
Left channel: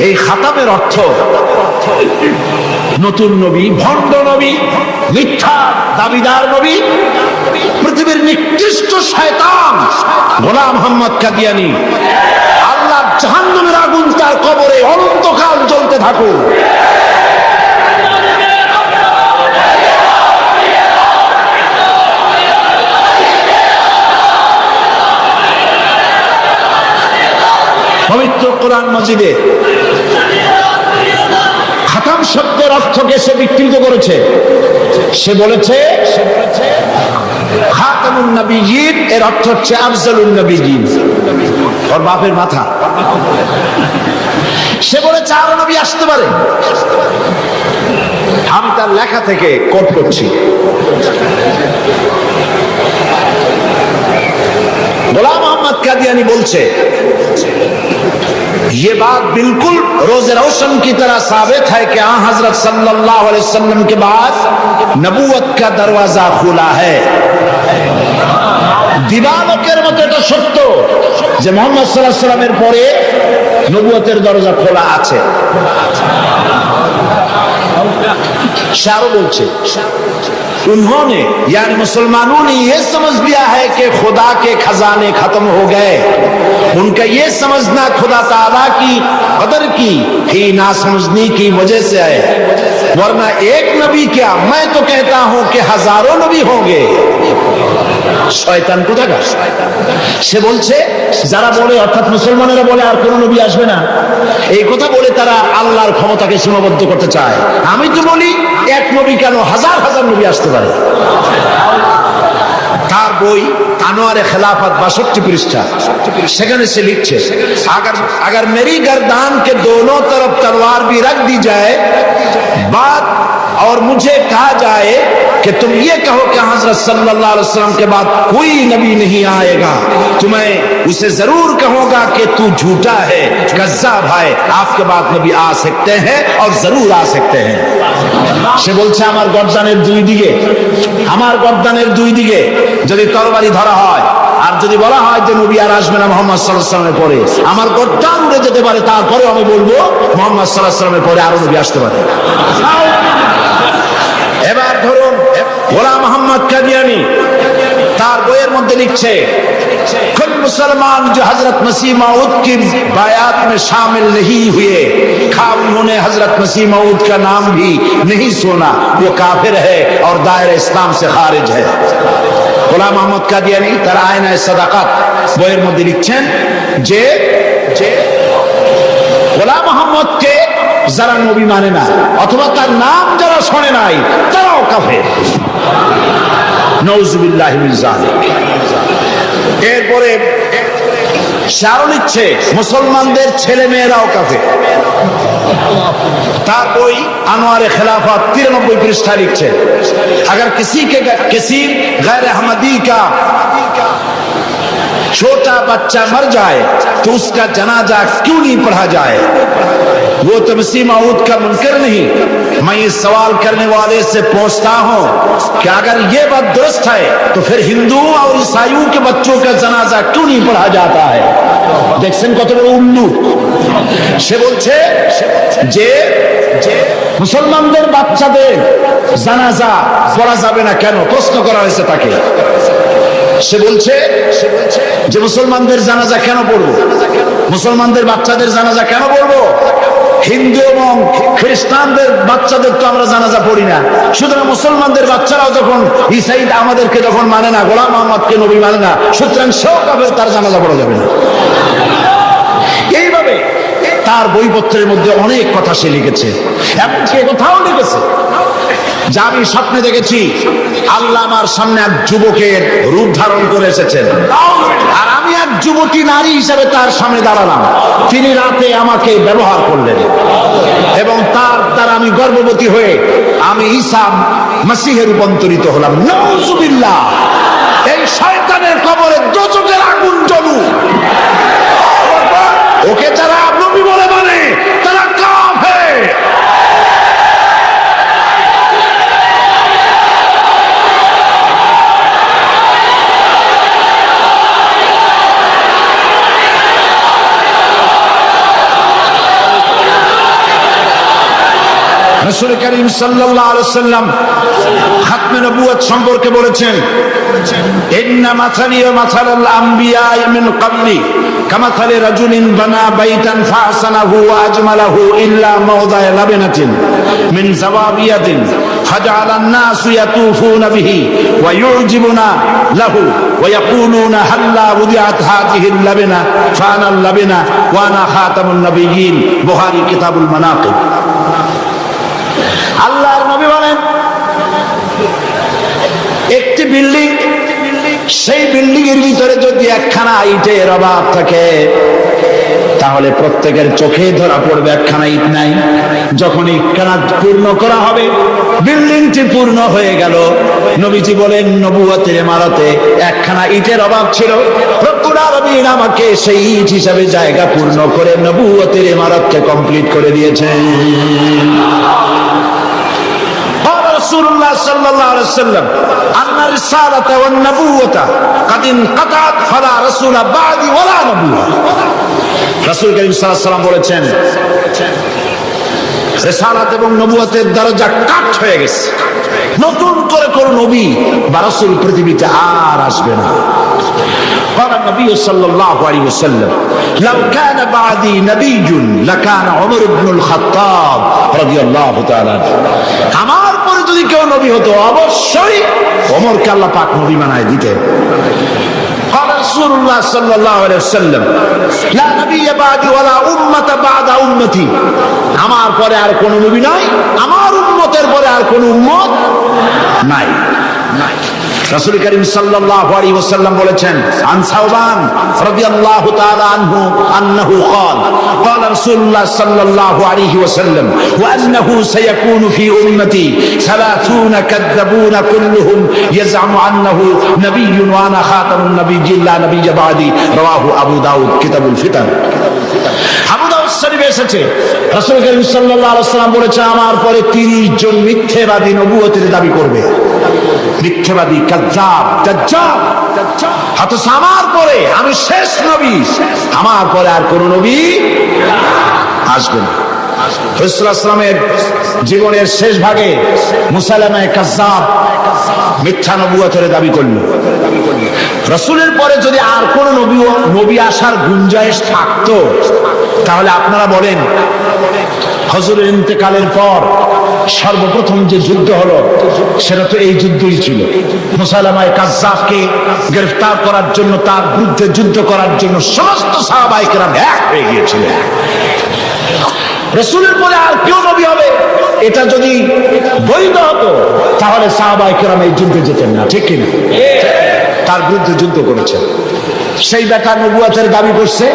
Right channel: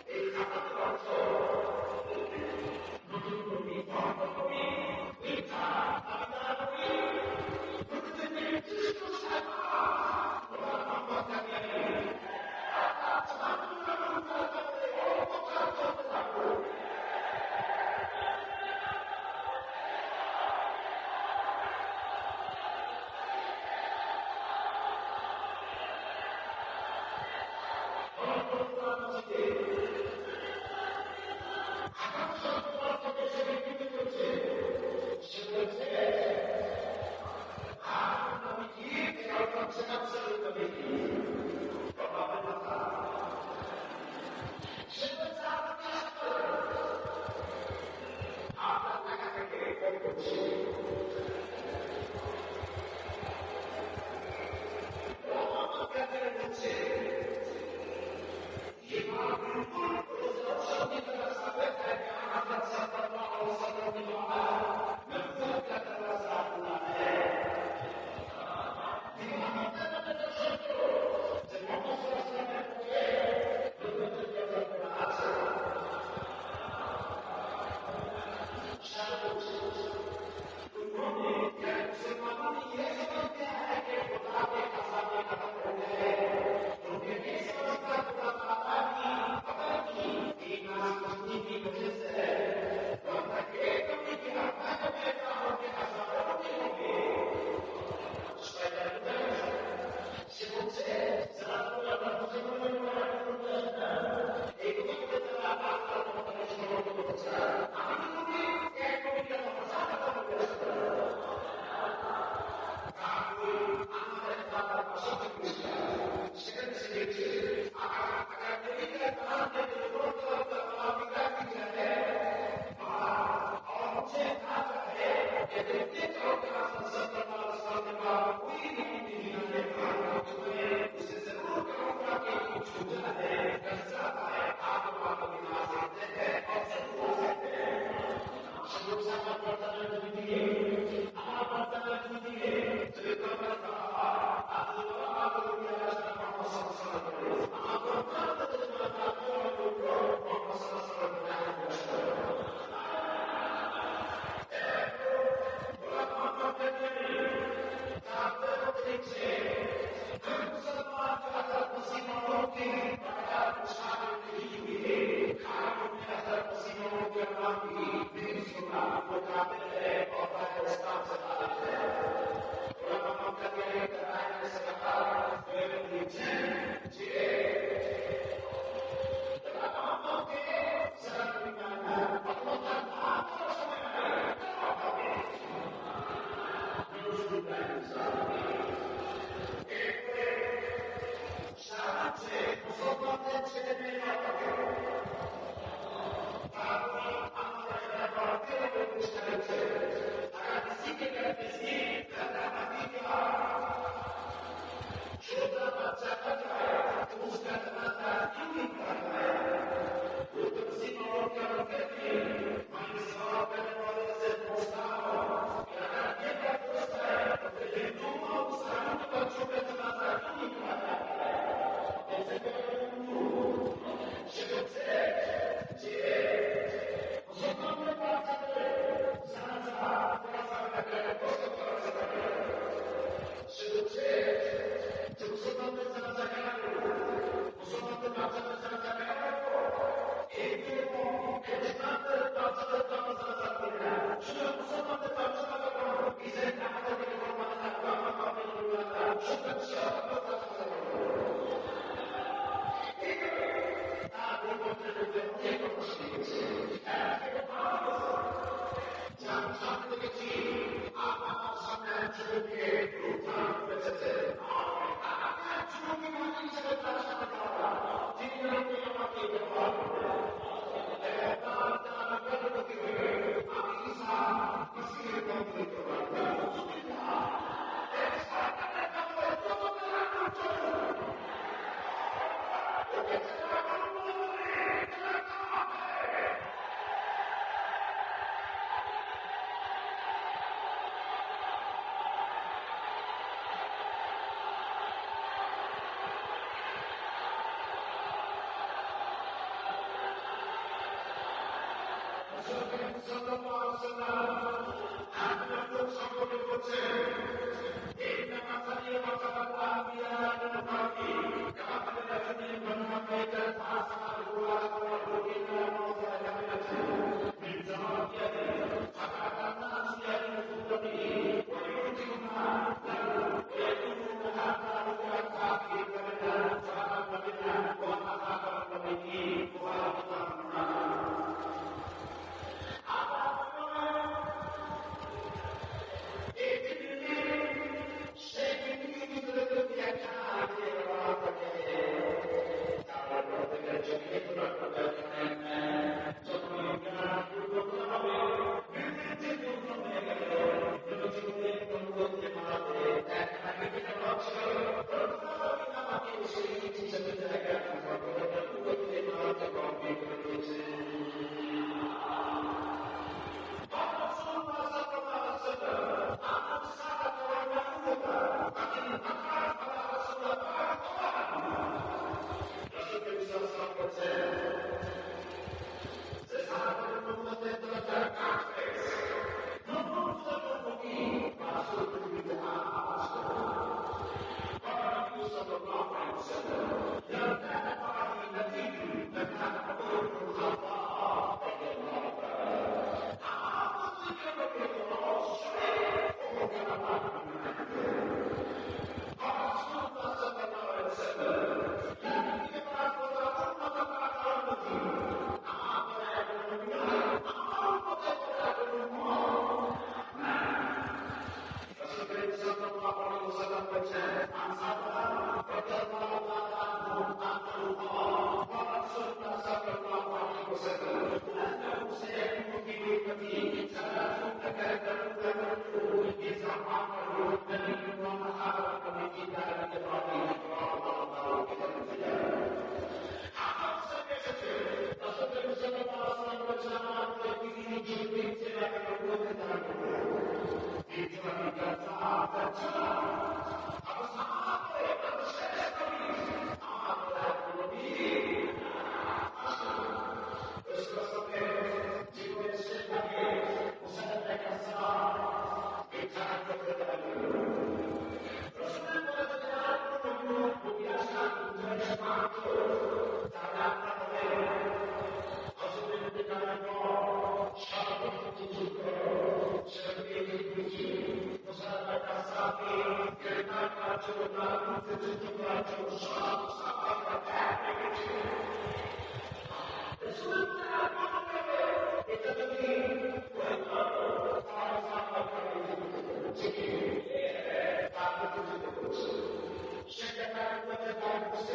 এই খাতামের অর্থ নতুন নবী, ভণ্ড নবী, মিথ্যা দাবিদার নবী, পৃথিবীর নিকৃষ্ট শয়তান গোলাম মোহাম্মদ কাদিয়ানী, আল্লাহর জাহান্নামের আগুন তার কবরে অনন্তকাল জ্বলতে থাকুক। পবিত্র কোরআন মাজিদে খাতাম শব্দের অর্থকে সে বিকৃত করেছে। সে বলেছে খাতামুন নবিয়্যিন এর অর্থ হচ্ছে আফজালুন নবিয়্যিন। ওর বাপের মাথা। সে বলেছে আরো নবী আসতে পারে। আমি তার লেখা থেকে কোট করছি। গোলাম মোহাম্মদ कादियानी बोलছে, ये बात बिल्कुल रोज़े रोशन की तरह साबित है कि आ हजरत सल्लल्लाहु अलैहि वसल्लम के बाद नबूवत का दरवाजा खुला है। দিবালোকের মতো এটা সত্য যে মুহাম্মদ সাল্লাল্লাহু আলাইহি ওয়াসাল্লামের পরে নবুয়তের দরজা খোলা আছে। शारो बोलছে, उन्होंने यानी मुसलमानों ने यह समझ लिया है कि खुदा के खजाने खत्म हो गए। उनका यह समझना खुदा ताला की कदर की ही ना समझने की वजह से है, वरना एक नबी क्या, मैं तो कहता हूं कि हजारों नबी होंगे। শয়তান কোথাকার। সে বলছে যারা বলে, অর্থাৎ মুসলমানেরা বলে আর কোন নবী আসবে না, এই কথা বলে তারা আল্লাহর ক্ষমতাকে সীমাবদ্ধ করতে চায়। আমি তো বলি এক নবী কেন, হাজার হাজার নবী আসতে পারে। তার বই আনোয়ারে খেলাফত 62 পৃষ্ঠা, সেখানে সে লিখছে, अगर मेरी गर्दान के दोनों तरफ तलवार भी रख दी जाए बात और मुझे कहा जाए कि तुम ये कहो कि हजरत सल्लल्लाहु अलैहि वसल्लम के बाद कोई नबी नहीं आएगा, तो मैं उसे जरूर कहूंगा कि तू झूठा है, कज़्ज़ाब है, आपके बाद नबी आ सकते हैं और जरूर आ सकते हैं। সে বলছে আমার গর্দানের দুই দিকে যদি তরবারি ধরা হয় আর যদি বলা হয় যে নবী আর আসবে না মুহাম্মদ সাল্লাল্লাহু আলাইহি ওয়াসাল্লামের পরে, আমার গর্দান উড়ে যেতে পারে, তারপরেও আমি বলবো মুহাম্মদ সাল্লাল্লাহু আলাইহি ওয়াসাল্লামের পরে আরো নবী আসতে পারে। এবার ধরুন গোলাম মোহাম্মদ कादियानी তার বইয়ের মধ্যে লিখছে, कुल मुसलमान जो हजरत मसीह मऊद की बायात में शामिल नहीं हुए, खा उन्होंने हजरत मसीह मऊद का नाम भी नहीं सुना, वो काफिर है और दायरा इस्लाम से खारिज है। গোলাম মোহাম্মদ कादियानी তার আয়নায়ে সাদাকাত বইয়ের মধ্যে লিখছেন যে গোলাম মোহাম্মদকে যারা নবী মানে না অথবা তার নাম যারা শোনে নাই তারাও কাফের। নাউযুবিল্লাহি মিন যালিক। এরপরে শারো লিখছে মুসলমানদের ছেলে মেয়েরাও কাফের। তার বই আনোয়ারে খেলাফত 93 পৃষ্ঠা লিখছে, अगर किसी गैर अहमदी का छोटा बच्चा मर जाए तो उसका जनाजा क्यों नहीं पढ़ा जाए, वो तो मसीह मऊद का मुनकर नहीं। मैं ये सवाल करने वाले से पूछता हूं कि अगर ये बात दुरुस्त है तो फिर हिंदुओं और ईसाइयों के बच्चों का जनाजा क्यों नहीं पढ़ा जाता है। দেখছেন কত বড় উল্লু। সে বলছে যে মুসলমানদের বাচ্চাদের জানাজা পড়া যাবে না কেন, প্রশ্ন করা হয়েছে তাকে। সে বলছে যে মুসলমানদের জানাজা কেন পড়বো, মুসলমানদের বাচ্চাদের জানাজা কেন পড়বো, হিন্দু এবং খ্রিস্টানদের বাচ্চাদের তো আমরা জানাজা পড়ি না, সুতরাং মুসলমানদের বাচ্চারাও যখন ঈসাই আমাদেরকে যখন মানে না, গোলাম মোহাম্মদকে নবী মানে না, সুতরাং সেও কাফের, তার জানাজা পড়া যাবে না। এইভাবে তার বইপত্রের মধ্যে অনেক কথা সে লিখেছে। এমনকি কোথাও লিখেছে যে আমি স্বপ্নে দেখেছি আল্লাহ আমার সামনে এক যুবকের রূপ ধারণ করে এসেছেন, আর আমি এক যুবতী নারী হিসেবে তার সামনে দাঁড়ালাম, তিনি রাতে আমাকে ব্যবহার করলেন এবং তার দ্বারা আমি গর্ভবতী হয়ে আমি ঈসা মসিহে রূপান্তরিত হলাম। নাউযুবিল্লাহ। এই শয়তানের কবরে দোজখের আগুন জ্বলুক। ওকে যারা নবী বলে মানে তারা কাফের। রাসূল করিম সাল্লাল্লাহু আলাইহি ওয়াসাল্লাম খাতমে নবুয়ত সম্পর্কে বলেছেন, ইন্না মাসালি ওয়া মাসালাল আমবিয়া মিন ক্বাবলি কামাসালি রাজুলিন বানা বাইতান ফাহসানাহু ওয়া আজমালাহু ইল্লা মাওদা'a লাবনাতিন মিন যাওয়াবিয়াতিন ফাজআলা আন-নাসু ইয়াতুফুনা বিহি ওয়া ইউজিবুনা লাহু ওয়া ইয়াকুলুনা হাল্লা উদিআত হাযিহিল লাবনা ফাআনা আল-লাবনা ওয়া আনা খাতামুন নবিয়্যিন। বুখারী কিতাবুল মানাকিব। আল্লাহর নবী বলেন একটি বিল্ডিং, সেই বিল্ডিং এর ভিতরে যদি একখানা ইটের অভাব থাকে তাহলে প্রত্যেকের চোখে ধরা পড়বে একখানা ইট নাই। যখন ইটখানা পূর্ণ করা হবে, বিল্ডিংটি পূর্ণ হয়ে গেল, নবীজি বলেন নবুয়তের ইমারতে একখানা ইটের অভাব ছিল, রব্বুল আলামিন আমাকে সেই ইট হিসাবে জায়গা পূর্ণ করে নবুয়তের ইমারতকে কমপ্লিট করে দিয়েছেন। রাসূলুল্লাহ সাল্লাল্লাহু আলাইহি ওয়াসাল্লাম আন্না রিসালাতা ওয়ান নবুওয়াতা কাদ ইনকাতাত ফালা রাসূলা বাদি ওয়ালা নবুওয়া। রাসূল কারীম সাল্লাল্লাহু আলাইহি ওয়াসাল্লাম বলেছেন রিসালাত এবং নবুয়তের দরজা কাট হয়ে গেছে, নতুন করে কোন নবী বা রাসূল পৃথিবীতে আর আসবে না। قال النبي صلى الله عليه وسلم لو كان بعدي نبي لكان عمر بن الخطاب رضي الله تعالى عنه। আমার পরে যদি কেউ নবী হতো অবশ্যই ওমরকে আল্লাহ পাক নবী বানায় দিতেন। قال رسول الله صلى الله عليه وسلم لا نبي بعدي ولا أمة بعد أمتي। আমার পরে আর কোন নবী নাই, আমার উম্মতের পরে আর কোন উম্মত নাই। রাসূল কারীম সাল্লাল্লাহু আলাইহি ওয়াসাল্লাম বলেছেন আন সাওবান রাদিয়াল্লাহু তাআলা আনহু আন্নাহু قال قال رسول الله صلى الله عليه وسلم وانه سيكون في امتي 30 كذابون كلهم يزعم انه نبي وانا خاتم النبيين لا نبي بعدي رواه ابو داود كتاب الفتن। আবু দাউদ শরীফে এসেছে রাসূল কারীম সাল্লাল্লাহু আলাইহি ওয়াসাল্লাম বলেছেন আমার পরে 30 জন মিথ্যাবাদী নবুয়তের দাবি করবে, মিথ্যাবাদী কাযযাব দাজ্জাল। অথচ আমার পরে আমি শেষ নবী, আমার পরে আর কোন নবী আসবে না। রাসূলুল্লাহ সাল্লাল্লাহু আলাইহি ওয়াসাল্লামের জীবনের শেষ ভাগে মুসাইলামা কাযযাব মিথ্যা নবুয়তের দাবি করলো। রাসূলের পরে যদি আর কোন নবী আসার গুঞ্জাইশ থাকতো, তাহলে আপনারা বলেন হুজুরের ইন্তেকালের পর সর্বপ্রথম যে যুদ্ধ হলো সেটা তো এই যুদ্ধই ছিল। মুসাইলামা কাযযাবকে গ্রেফতার করার জন্য, তার বিরুদ্ধে যুদ্ধ করার জন্য সমস্ত সাহাবায়ে কেরাম এক হয়ে গিয়েছিলেন। রাসূলের পরে আর কেউ নবী হবে এটা যদি বৈধ হতো, তাহলে সাহাবায়ে কেরাম এই যুদ্ধে যেতেন না, ঠিক কিনা? তার বিরুদ্ধে যুদ্ধ করেছেন। সেই বেটা নবুয়তের দাবি করছে,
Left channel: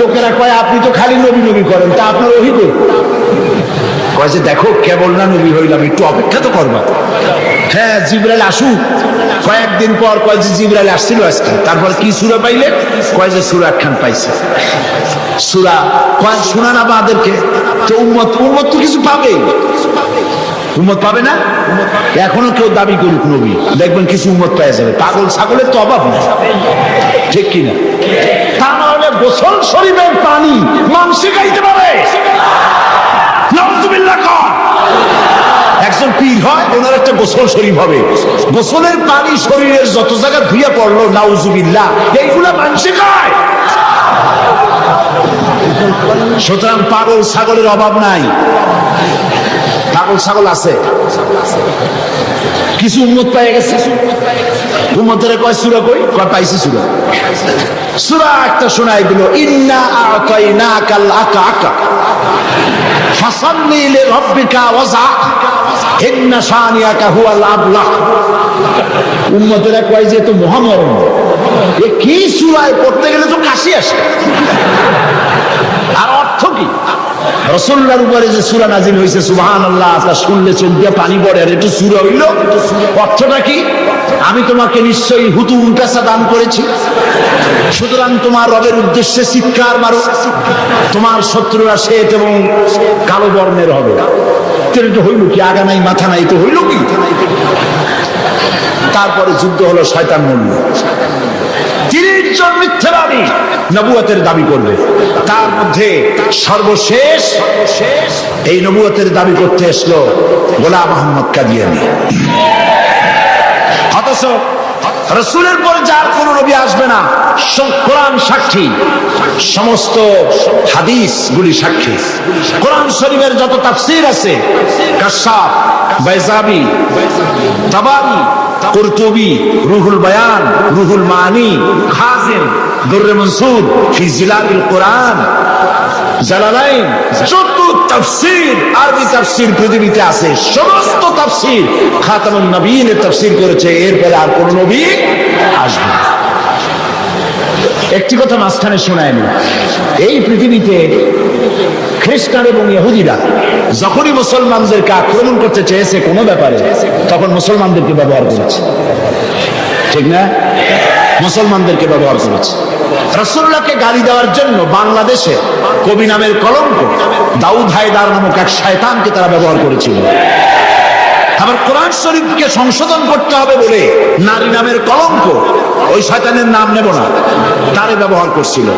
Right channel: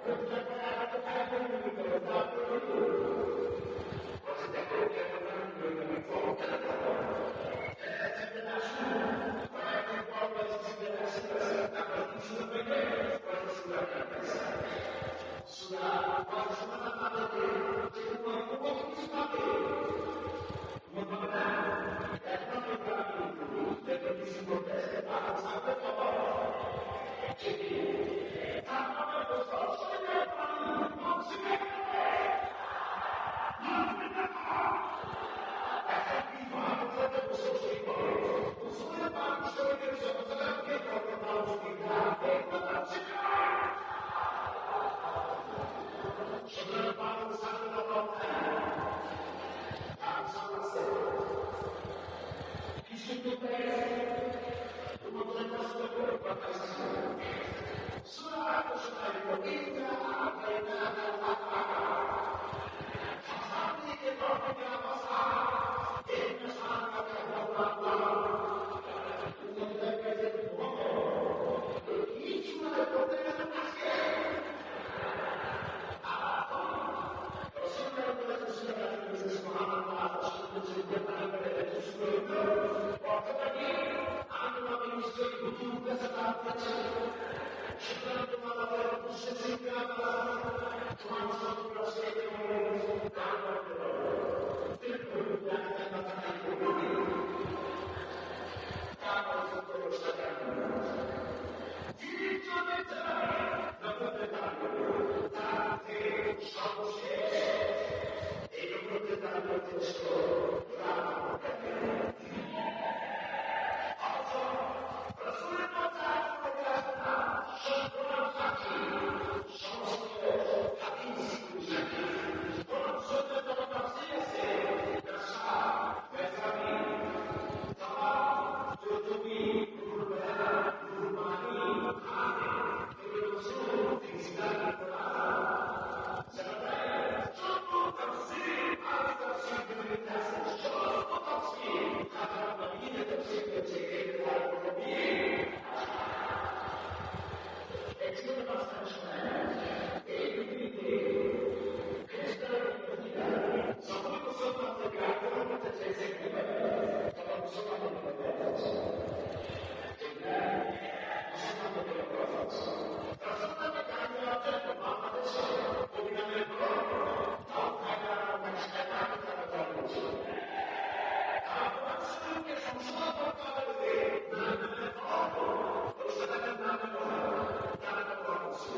লোকেরা কয় আপনি তো খালি নবী নবী করেন, তা আপনার ওহী কই? কয় যে দেখো কেবল না নবী হইলাম, একটু অপেক্ষা তো করবা। হ্যাঁ জিবরাইল আসুক। কয়েকদিন পর কয় যে জিবরাইল আসছিল আজকে। তারপর কি সূরা পাইলে? কয় যে সূরা একখান পাইছে। সূরা কয় শোনা না আমাদেরকে, তো উম্মত তো কিছু পাবে, উম্মত পাবে না? এখনো কেউ দাবি করুক নবী, দেখবেন কিছু উম্মত পেয়ে যাবে। পাগল ছাগলের তো অভাব নেই, ঠিক কিনা? তা নাহলে গোসল শরীফের পানি মাংসে খাইতে পারে। নাউযুবিল্লাহ কর। একজন পীর হয়, ওনার একটা গোসল শরীফ হবে, গোসলের পানি শরীরের যত জায়গা ধুয়ে পড়লো নাউযুবিল্লাহ, এইগুলা মাংসে খায়। সুতরাং পাগল ছাগলের অভাব নাই, পাগল ছাগল আছে। কিছু উম্মত পেয়ে গেছে, উম্মতের কয় সূরা কই? কয় পাইছি সূরা। সূরা একটা শোনাই দিল, ইন্না আ'তাইনাকাল আকা ফাসাল্লি লিরাব্বিকা ওয়াজআ ইন্না শানিয়াকা হুয়াল আবলাহ। উম্মতেরা কয় যে তো মহামরণ, এ কি সূরায় পড়তে গেলে তো কাশি আসে। আর অর্থ কি? রাসূলুল্লাহর উপরে যে সূরা নাযিল হইছে সুবহানাল্লাহ, তা শুনলে চোখ দিয়ে পানি পড়ে। আর এটা সূরা হইল, অর্থটা কি? আমি তোমাকে নিশ্চয়ই হুতুম পেশা দান করেছি, সুতরাং তোমার রবের উদ্দেশ্যে চিৎকার মারো, তোমার শত্রুরা শ্বেত এবং কালো বর্ণের হবে। এটা হইল কি? আগা নাই মাথা নাই, তো হইল কি? তারপরে যুদ্ধ হলো, শয়তান মরল। 30 জন মিথ্যাবাদী নবুয়তের দাবি করবে। তার মধ্যে সর্বশেষ এই নবুয়তের দাবি করতে এসলো গোলাম আহমদ কাদিয়ানী। অথচ রাসূলের পরে যার কোন নবী আসবে না, কোরআন সাক্ষী, সমস্ত হাদিস গুলি সাক্ষী। কোরআন শরীফের যত তাফসীর আছে, কাশাফ, বাইজাবি, তাবারি, কুরতুবি, রুহুল বায়ান, রুহুল মানি, খাজিন, দুররে মনসুর ফি জিলালিল কোরআন, জালালাইন, যত তাফসীর, আরবি তাফসীর পৃথিবীতে আছে, সমস্ত তাফসীর খাতামুন নবীয়িনের তাফসীর করেছে। এরপরে আর কোন নবী আসবে না। একটি কথা মাঝখানে শোনায়নি, এই পৃথিবীতে খ্রিস্টান এবং ইহুদিরা যখনই মুসলমানদেরকে আক্রমণ করতে চেয়েছে কোনো ব্যাপারে, তখন মুসলমানদেরকে ব্যবহার করেছে। ঠিক না? মুসলমানদেরকে ব্যবহার করেছে। রাসূলুল্লাহকে গালি দেওয়ার জন্য বাংলাদেশে কবি নামের কলঙ্ক দাউদ হায়দার নামক এক শয়তানকে তারা ব্যবহার করেছিল। আবার কোরআন শরীফকে সংশোধন করতে হবে বলে নারী নামের কলঙ্ক, ওই শয়তানের নাম নেব না, তারে ব্যবহার করছিল।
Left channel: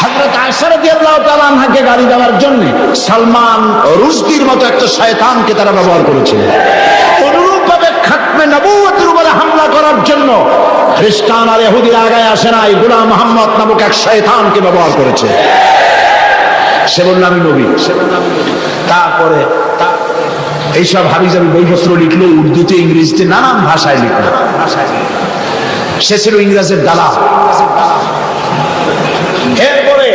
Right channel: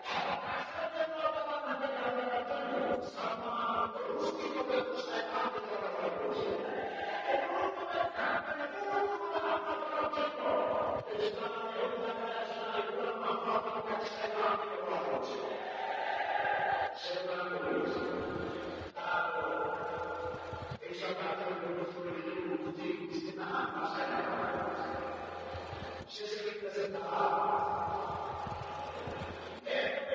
হযরত আয়েশা রাদিয়াল্লাহু তাআলা আনহাকে গালি দেওয়ার জন্য সালমান রুশদির মতো একটা শয়তানকে তারা ব্যবহার করেছিল। অনুরূপভাবে খাতমে নবুয়তের উপরে হামলা করার জন্য খ্রিস্টান আর ইহুদিরা আগায় আসে নাই, গোলাম মুহাম্মদ নামক এক শয়তানকে ব্যবহার করেছে। সে বলল আমি নবী। তারপরে এইসব হাবিজাবি বইপত্র লিখলো, উর্দুতে ইংরেজিতে নানান ভাষায় লিখলো। সে ছিল ইংরেজের দালাল। এরপরে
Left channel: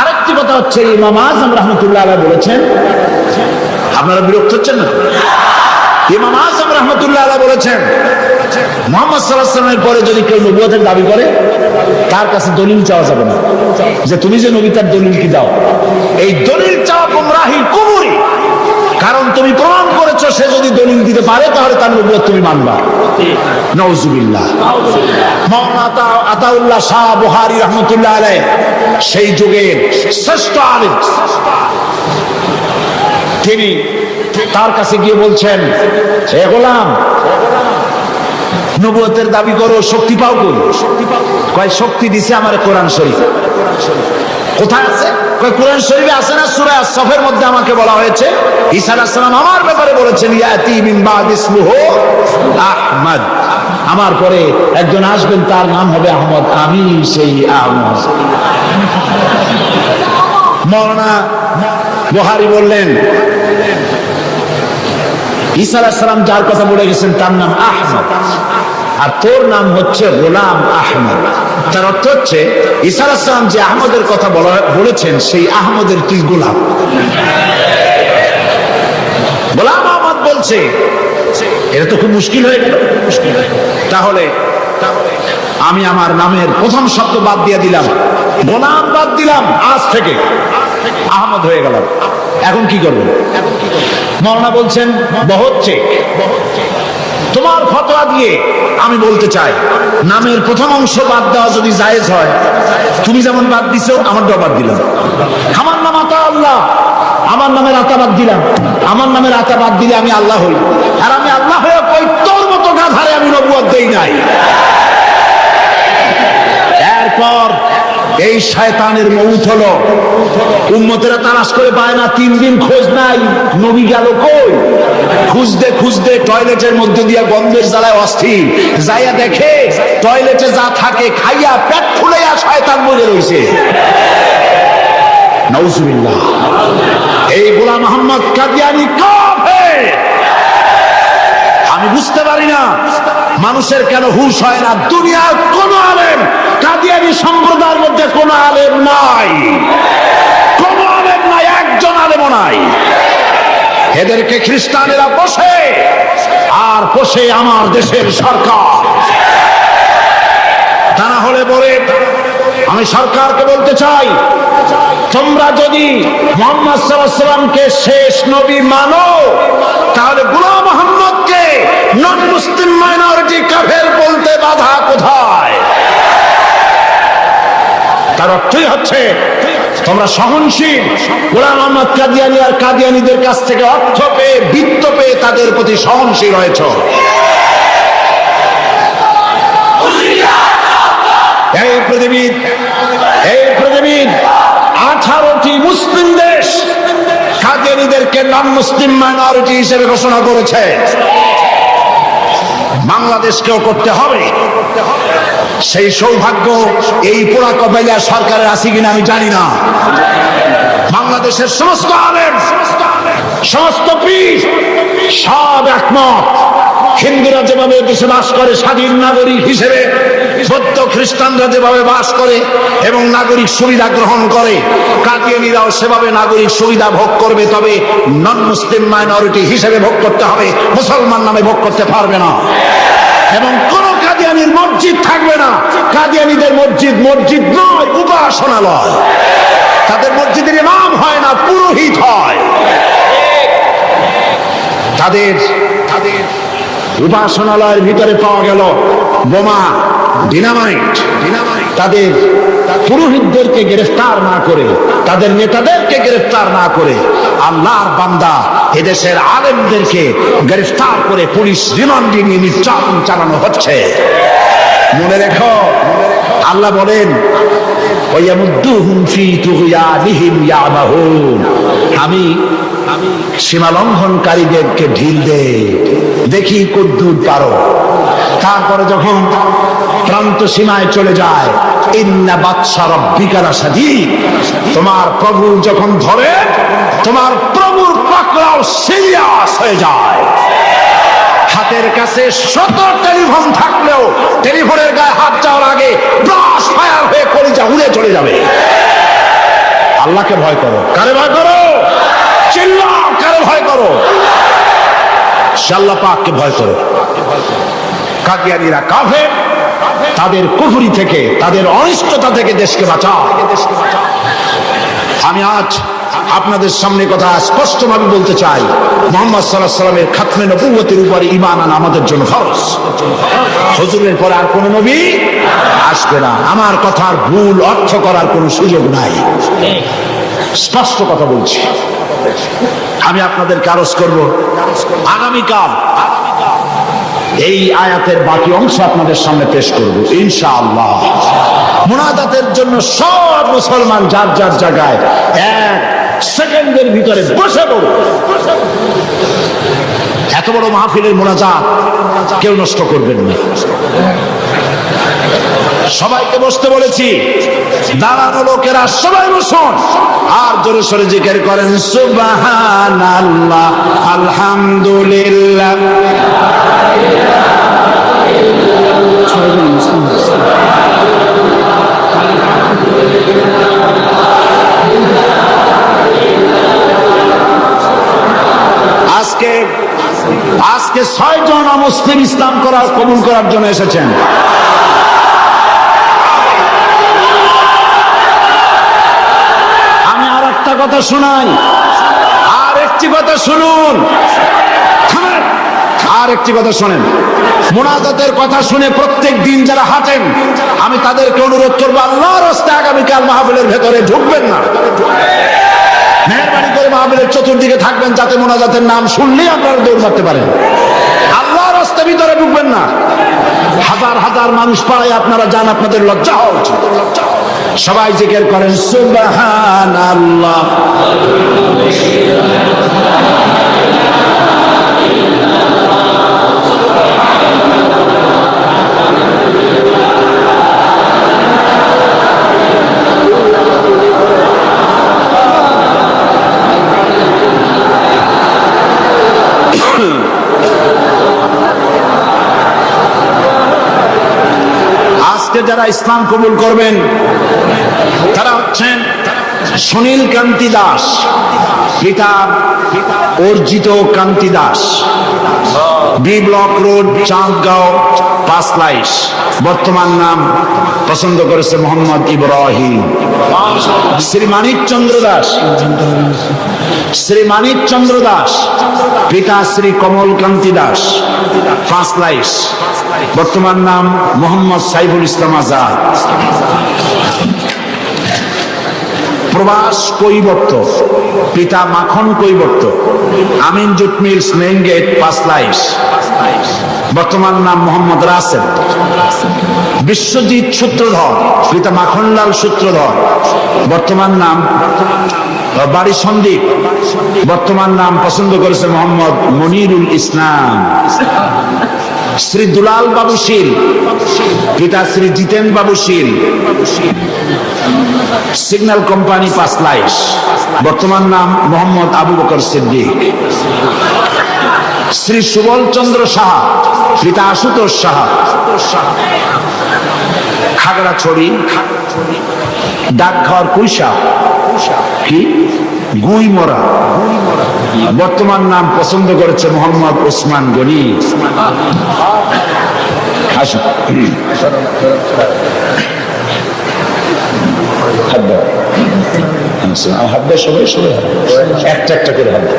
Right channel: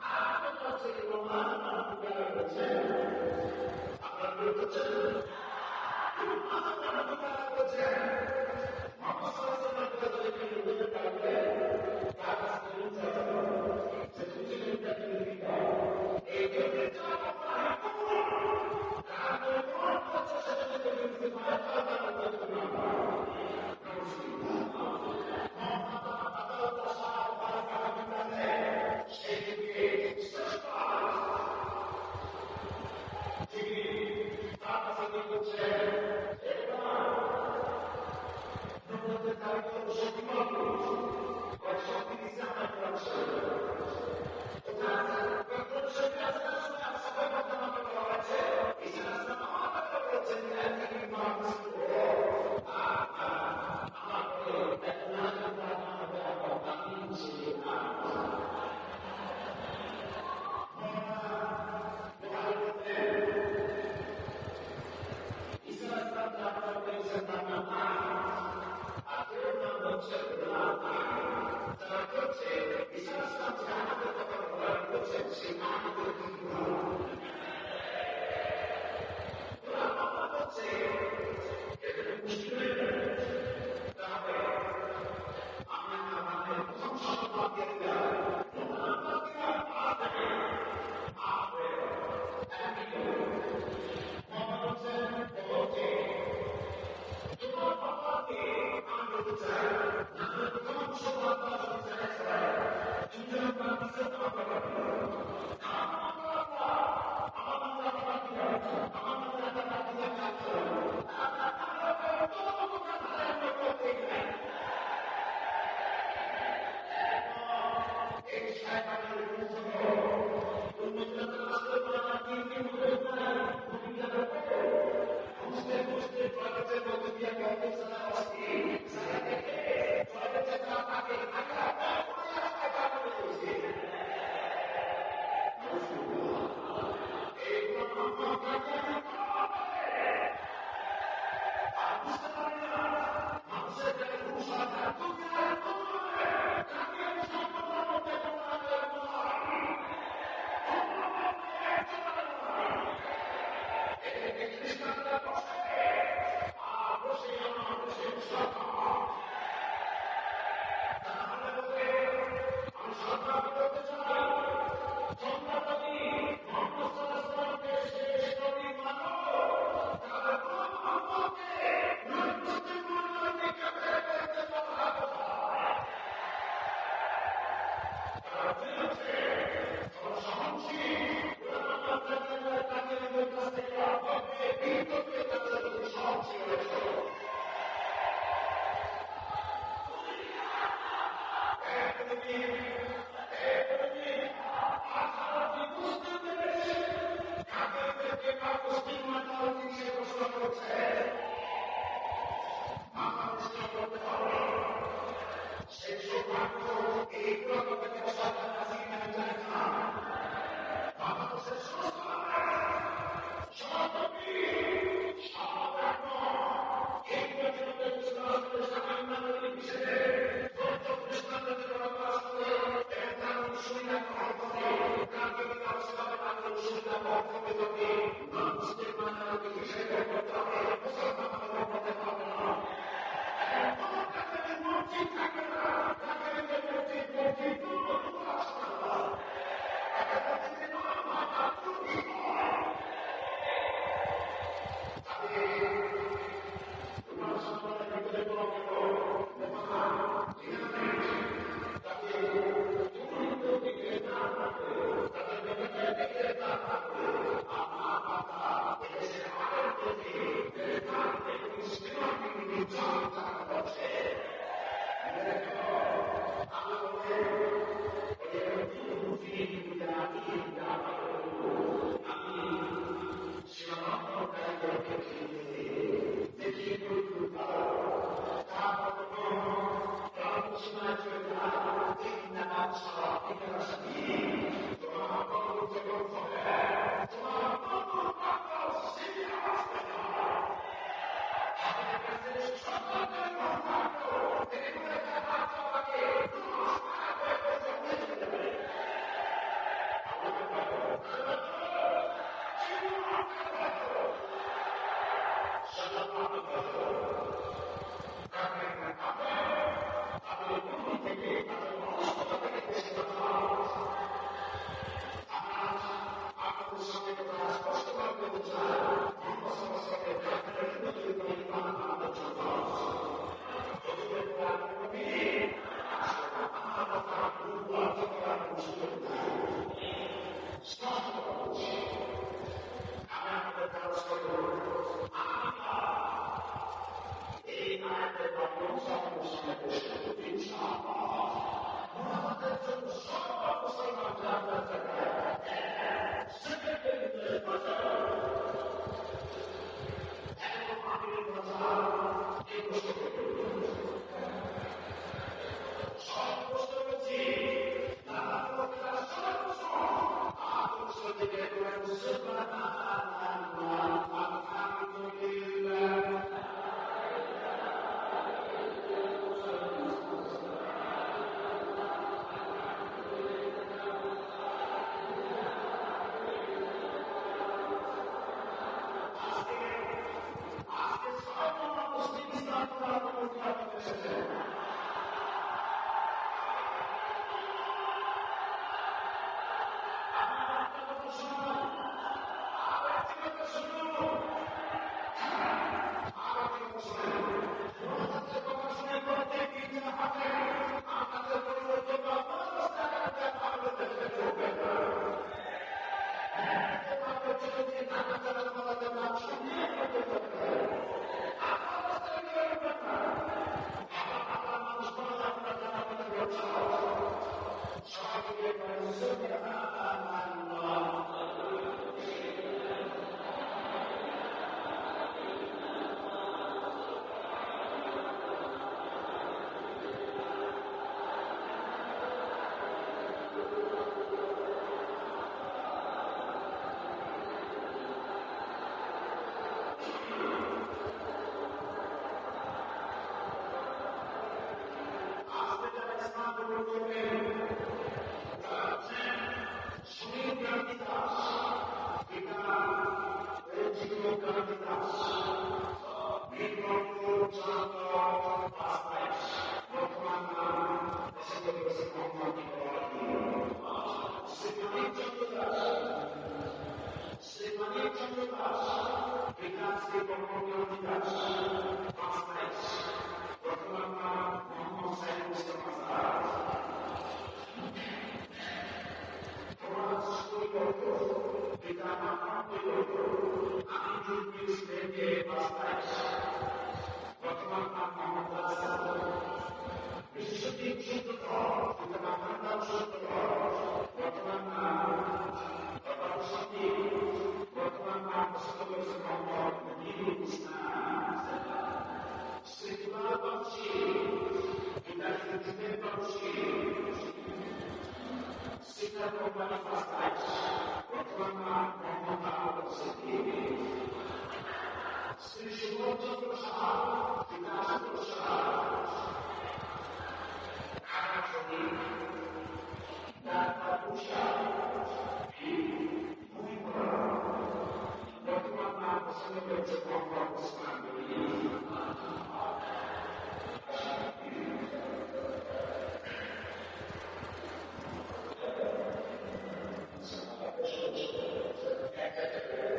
আরেকটি কথা হচ্ছে, ইমাম আযম রাহমাতুল্লাহ আলাইহি বলেছেন, আপনারা বিরক্ত হচ্ছেন না? ইমাম আযম রাহমাতুল্লাহ আলাইহি বলেছেন, মুহাম্মদ সাল্লাল্লাহু আলাইহি ওয়াসাল্লামের পরে যদি কেউ নবুয়তের দাবি করে, তার কাছে দলিল চাওয়া যাবে না যে তুমি যে নবী, তার দলিল কি দাও। এই দলিল চাওয়া গুমরাহির কুফরি, কারণ তুমি প্রমাণ করেছো সে যদি দলিল দিতে পারে তাহলে তার নবুয়ত তুমি মানবা। নাউজুবিল্লাহ। মাওলানা আতাউল্লাহ শাহ বুখারী রাহমাতুল্লাহ আলাইহি সেই যুগের শ্রেষ্ঠ আলেম, তিনি তার কাছে গিয়ে বলছেন, হে গোলাম, নবুয়তের দাবি করো, শক্তি পাও কই? কয় শক্তি দিছে আমারে কোরআন শরীফ। কোথায় আছে? কয় কোরআন শরীফে আছে না, সূরা আস-সফের মধ্যে আমাকে বলা হয়েছে ঈসা আলাইহিস সালাম আমার ব্যাপারে বলেছেন, ইয়াতি মিন বাদ ইসমুহু আহমদ, আমার পরে একজন আসবেন তার নাম হবে আহমদ, আমি সেই আহমদ। মাওলানা বুখারী বললেন, ঈসা আলাইহিস সালাম যার কথা বলে গেছেন তার নাম আহমদ, আর তোর নাম হচ্ছে গোলাম আহমদ। তার অর্থ হচ্ছে ঈসা আলাইহিস সালাম যে আহমদের কথা বলেছেন সেই আহমদের তুই গোলাম। গোলাম আহমদ বলছে, এটা তো খুব মুশকিল হয়ে গেল। তাহলে আমি আমার নামের প্রথম শব্দ বাদ দিয়ে দিলাম, গোলাম বাদ দিলাম, আজ থেকে আহমদ হয়ে গেলাম। এখন কি করবো? মাওলানা বলছেন, বহুত তোমার ফতোয়া দিয়ে আমি বলতে চাই, নামের প্রথম অংশ বাদ দেওয়া যদি জায়েজ হয়, তুমি যেমন বাদ দিছো আমারটাও বাদ দিলাম। আমার নাম আতা আল্লাহ, আমার নামের আতা বাদ দিলাম। আমার নামের আতা বাদ দিলে আমি আল্লাহ হই, আর আমি আল্লাহ হয়ে কই তোর মতো গাধারে আমি নবুয়ত দেই নাই। এরপর এই শয়তানের মউত হলো, উম্মতেরা তালাশ করে পায় না, 3 দিন খোঁজ নাই, নবী গেল কই? খুঁজতে খুঁজতে টয়লেটের মধ্যে দিয়া গন্ধের জ্বালায় অস্থির, যাইয়া দেখে টয়লেটে যা থাকে খাইয়া পেট ফুলাইয়া শয়তান মরে রইছে। নাউজুবিল্লাহ। এই গোলাম মুহাম্মদ কাদিয়ানী কাফের। আমি বুঝতে পারি না মানুষের কেন হুঁশ হয় না। দুনিয়ার কোন আলেম, কাদিয়ানী সম্প্রদায়ের মধ্যে কোন আলেম নাই, কোন আলেম নাই, একজন আলেমও নাই। এদেরকে খ্রিস্টানেরা বসে আর বসে আমার দেশের সরকার। তা না হলে বলে, আমি সরকারকে বলতে চাই, তোমরা যদি মুহাম্মদ সাল্লাল্লাহু আলাইহি ওয়াসাল্লামকে শেষ নবী মানো, তাহলে গোলাম মুহাম্মদকে নন মুসলিম মাইনরিটি কাফের বলতে বাধা কোথায়? তার অর্থই হচ্ছে তোমরা সহনশীল, গোলাম মুহাম্মদ কাদিয়ানী আর কাদিয়ানীদের কাছ থেকে অর্থ পেয়ে, বিত্ত পেয়ে তাদের প্রতি সহনশীল হয়েছ। এই পৃথিবীর 18টি মুসলিম দেশ কাদিয়ানীদেরকে নন মুসলিম মাইনরিটি হিসেবে ঘোষণা করেছে। বাংলাদেশকেও করতে হবে। সেই সৌভাগ্য এই পোড়া কবেলা সরকারের আছে কিনা আমি জানি না। বাংলাদেশের সমস্ত আলেম, সমস্ত পীর সব একমত, হিন্দুরা যেভাবে দেশে বাস করে স্বাধীন নাগরিক হিসেবে, বৌদ্ধ খ্রিস্টানরা যেভাবে বাস করে এবং নাগরিক সুবিধা গ্রহণ করে, কাদিয়ানীরাও সেভাবে নাগরিক সুবিধা ভোগ করবে। তবে নন মুসলিম মাইনরিটি হিসেবে ভোগ করতে হবে, মুসলমান নামে ভোগ করতে পারবে না। এবং কোন কাদিয়ানী কাদিয়ানির মসজিদ থাকবে না। কাদিয়ানিদের মসজিদ মসজিদ নয়, উপাসনালয়। তাদের মসজিদের ইমাম হয় না, পুরোহিত হয়। তাদের উপাসনালয়ের ভিতরে পাওয়া গেল বোমা, ডিনামাইট। তাদের পুরোহিতদেরকে গ্রেফতার না করে, তাদের নেতাদেরকে গ্রেফতার না করে আল্লাহর বান্দা এদেশের আলেমদেরকে গ্রেফতার করে পুলিশ রিমান্ডে নিয়ে নির্যাতন চালানো হচ্ছে। মনে রেখো, আল্লাহ বলেন আমি সীমা লঙ্ঘনকারীদেরকে ঢিল দে, দেখি কদ্দুর পারো। তারপরে যখন প্রান্ত সীমায় চলে যায়, ইন্না বাতশা রাব্বিকা লাশাদীদ, তোমার প্রভু যখন ধরে, তোমার প্রভুর পাকড়াও সিরিয়াস হয়ে যায়। হাতের কাছে শত টেলিফোন থাকলেও টেলিফোনের গায়ে হাত যাওয়ার আগে ব্রাশ ফায়ার হয়ে কলিজা উড়ে চলে যাবে। আল্লাহকে ভয় করো। কারে ভয় করো? চিল্লাও, কারে ভয় করো? আল্লাহ পাককে ভয় করো। কাদিয়ানীরা কাফের, তাদের কুফরি থেকে, তাদের অনিষ্টতা থেকে দেশকে বাঁচাও। আমি আজ আপনাদের সামনে কথা স্পষ্টভাবে বলতে চাই, মুহাম্মদ সাল্লাল্লাহু আলাইহি ওয়াসাল্লামের খাতমে নবুয়তের উপরে ঈমান আনা আমাদের জন্য ফরজ। হুজুরের পরে আর কোন নবী আসবে না। আমার কথার ভুল অর্থ করার কোনো সুযোগ নাই, স্পষ্ট কথা বলছি। আমি আপনাদেরকে আরজ করব, আগামীকাল এই আয়াতের বাকি অংশ আপনাদের সামনে পেশ করব ইনশাআল্লাহ। মুনাজাতের জন্য সব মুসলমান যার যার জায়গায় 1 সেকেন্ডের ভিতরে বসে পড়ো। এত বড় মাহফিলের মুনাজাত কেউ নষ্ট করবেন না। সবাইকে বসতে বলেছি, দাঁড়ানো লোকেরা সবাই বসুন আর জোরে সোরে জিকির করেন সুবহানাল্লাহ, আলহামদুলিল্লাহ। আজকে 6 জন মুসলিম ইসলাম কবুল করার জন্য এসেছেন। আমি আর একটা কথা শোনাই, আর একটি কথা শুনুন, আর একটি কথা শোনেন। মুনাজাতের কথা শুনে প্রত্যেক দিন যারা হাঁটেন, আমি তাদেরকে অনুরোধ করবো, আল্লাহর রাস্তায় আগামীকাল মাহফিলের ভেতরে ঢুকবেন না। মেহরবানি করে মাহফিলের চতুর্দিকে থাকবেন, যাতে মুনাজাতের নাম শুনলেই আপনারা দৌড় মারতে পারেন। আল্লাহর রাস্তার ভিতরে ঢুকবেন না। হাজার হাজার মানুষ পাড়ায় আপনারা যান, আপনাদের লজ্জা হওয়া উচিত। সবাই জিকির করেন সুবহানাল্লাহ। যারা ইসলাম কবুল করবেন তারা হচ্ছেন সুনীল কান্তি দাস, পিতা Arjit Kanti Das, B block road, Chandgaon, Panchlaish. বর্তমান নাম পছন্দ করেছে মোহাম্মদ ইব্রাহিম। শ্রী মানিক চন্দ্র দাস, শ্রী মানিক চন্দ্র দাস, পিতা শ্রী কমল কান্তি দাস, পাঁচলাইশ। বর্তমান নাম মোহাম্মদ সাইফুল ইসলাম আজাদ। প্রবাস কৈবর্ত, পিতা Makhan Kaibarta, Amin jute mills, main gate, Panchlaish. বর্তমান নাম মোহাম্মদ রাসেল। বিশ্বজিৎ সূত্রধর, পিতা মাখনলাল সূত্রধর, বর্তমান নাম বাড়ি সন্দীপ। বর্তমান নাম পছন্দ করেছে মোহাম্মদ মনিরুল ইসলাম। শ্রী দুলাল বাবু শীল, পিতা শ্রী জিতেন বাবু শীল, সিগন্যাল কোম্পানি, পাঁচলাইশ। বর্তমান নাম মোহাম্মদ আবু বকর সিদ্দিক। শ্রী সুবল চন্দ্র সাহা, পিতা আশুতোষ সাহা, খাগড়াছড়ি, ডাকঘর কুইসা, কি গুইমরা। বর্তমান নাম পছন্দ করেছে মোহাম্মদ ওসমান গনি। আসুন, হাত দাও, হাত দাও, সবাই সবাই একটা একটা করে হাত দাও।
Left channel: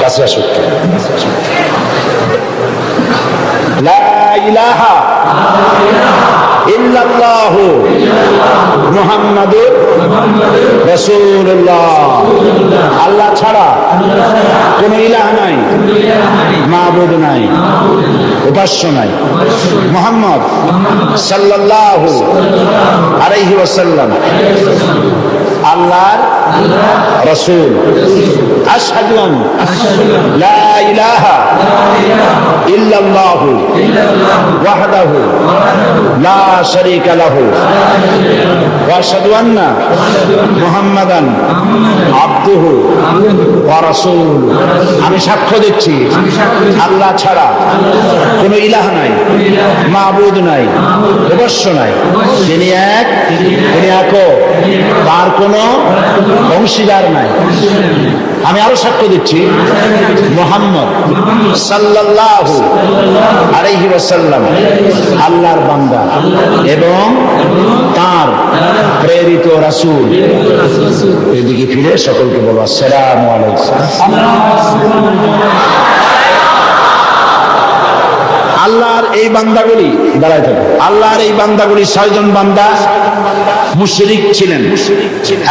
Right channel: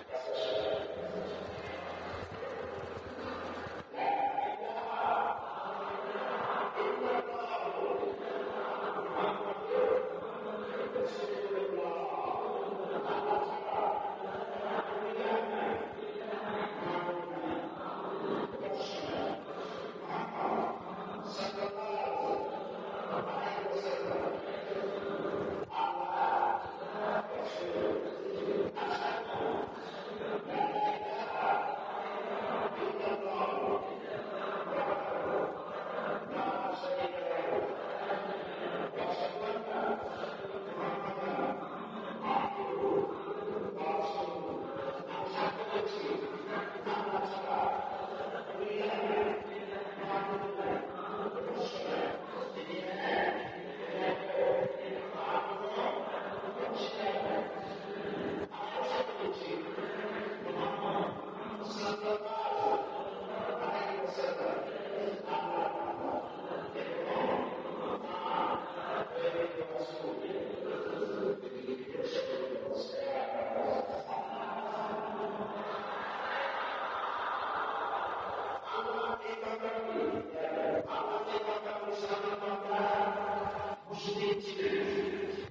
কাছে আসুন। লা ইলাহা ইল্লাল্লাহু মুহাম্মাদুর রাসূলুল্লাহ। আল্লাহ ছাড়া কোন ইলাহ নাই, মাবুদ নাই, উপাস্য নাই। মুহাম্মদ সাল্লাল্লাহু আলাইহি ওয়াসাল্লাম আল্লাহর রাসূল। আশহাদু আন লা ইলাহা ইল্লাল্লাহু ওয়াহদাহু লা শারীকা লাহু ওয়া আশহাদু আন্না মুহাম্মাদান আবদুহু ওয়া রাসূলুহু। আমি সাক্ষ্য দিচ্ছি আল্লাহ ছাড়া কোনো ইলাহ নাই, মাবুদ নাই, উপাস্য নাই। তিনি এক, তিনি একক, তার কোনো অংশীদার নাই। আমি আরো সাক্ষ্য দিচ্ছি মুহাম্মদ সাল্লাল্লাহু আলাইহি ওয়াসাল্লাম আল্লাহর বান্দা এবং তার প্রেরিত রাসূল। এদিকে ফিরে সকলকে বলো আসসালামু আলাইকুম। আল্লাহর এই বান্দাগুলি দাঁড়ায় থাকে, আল্লাহর এই বান্দাগুলি 6 জন বান্দা মুশরিক ছিলেন।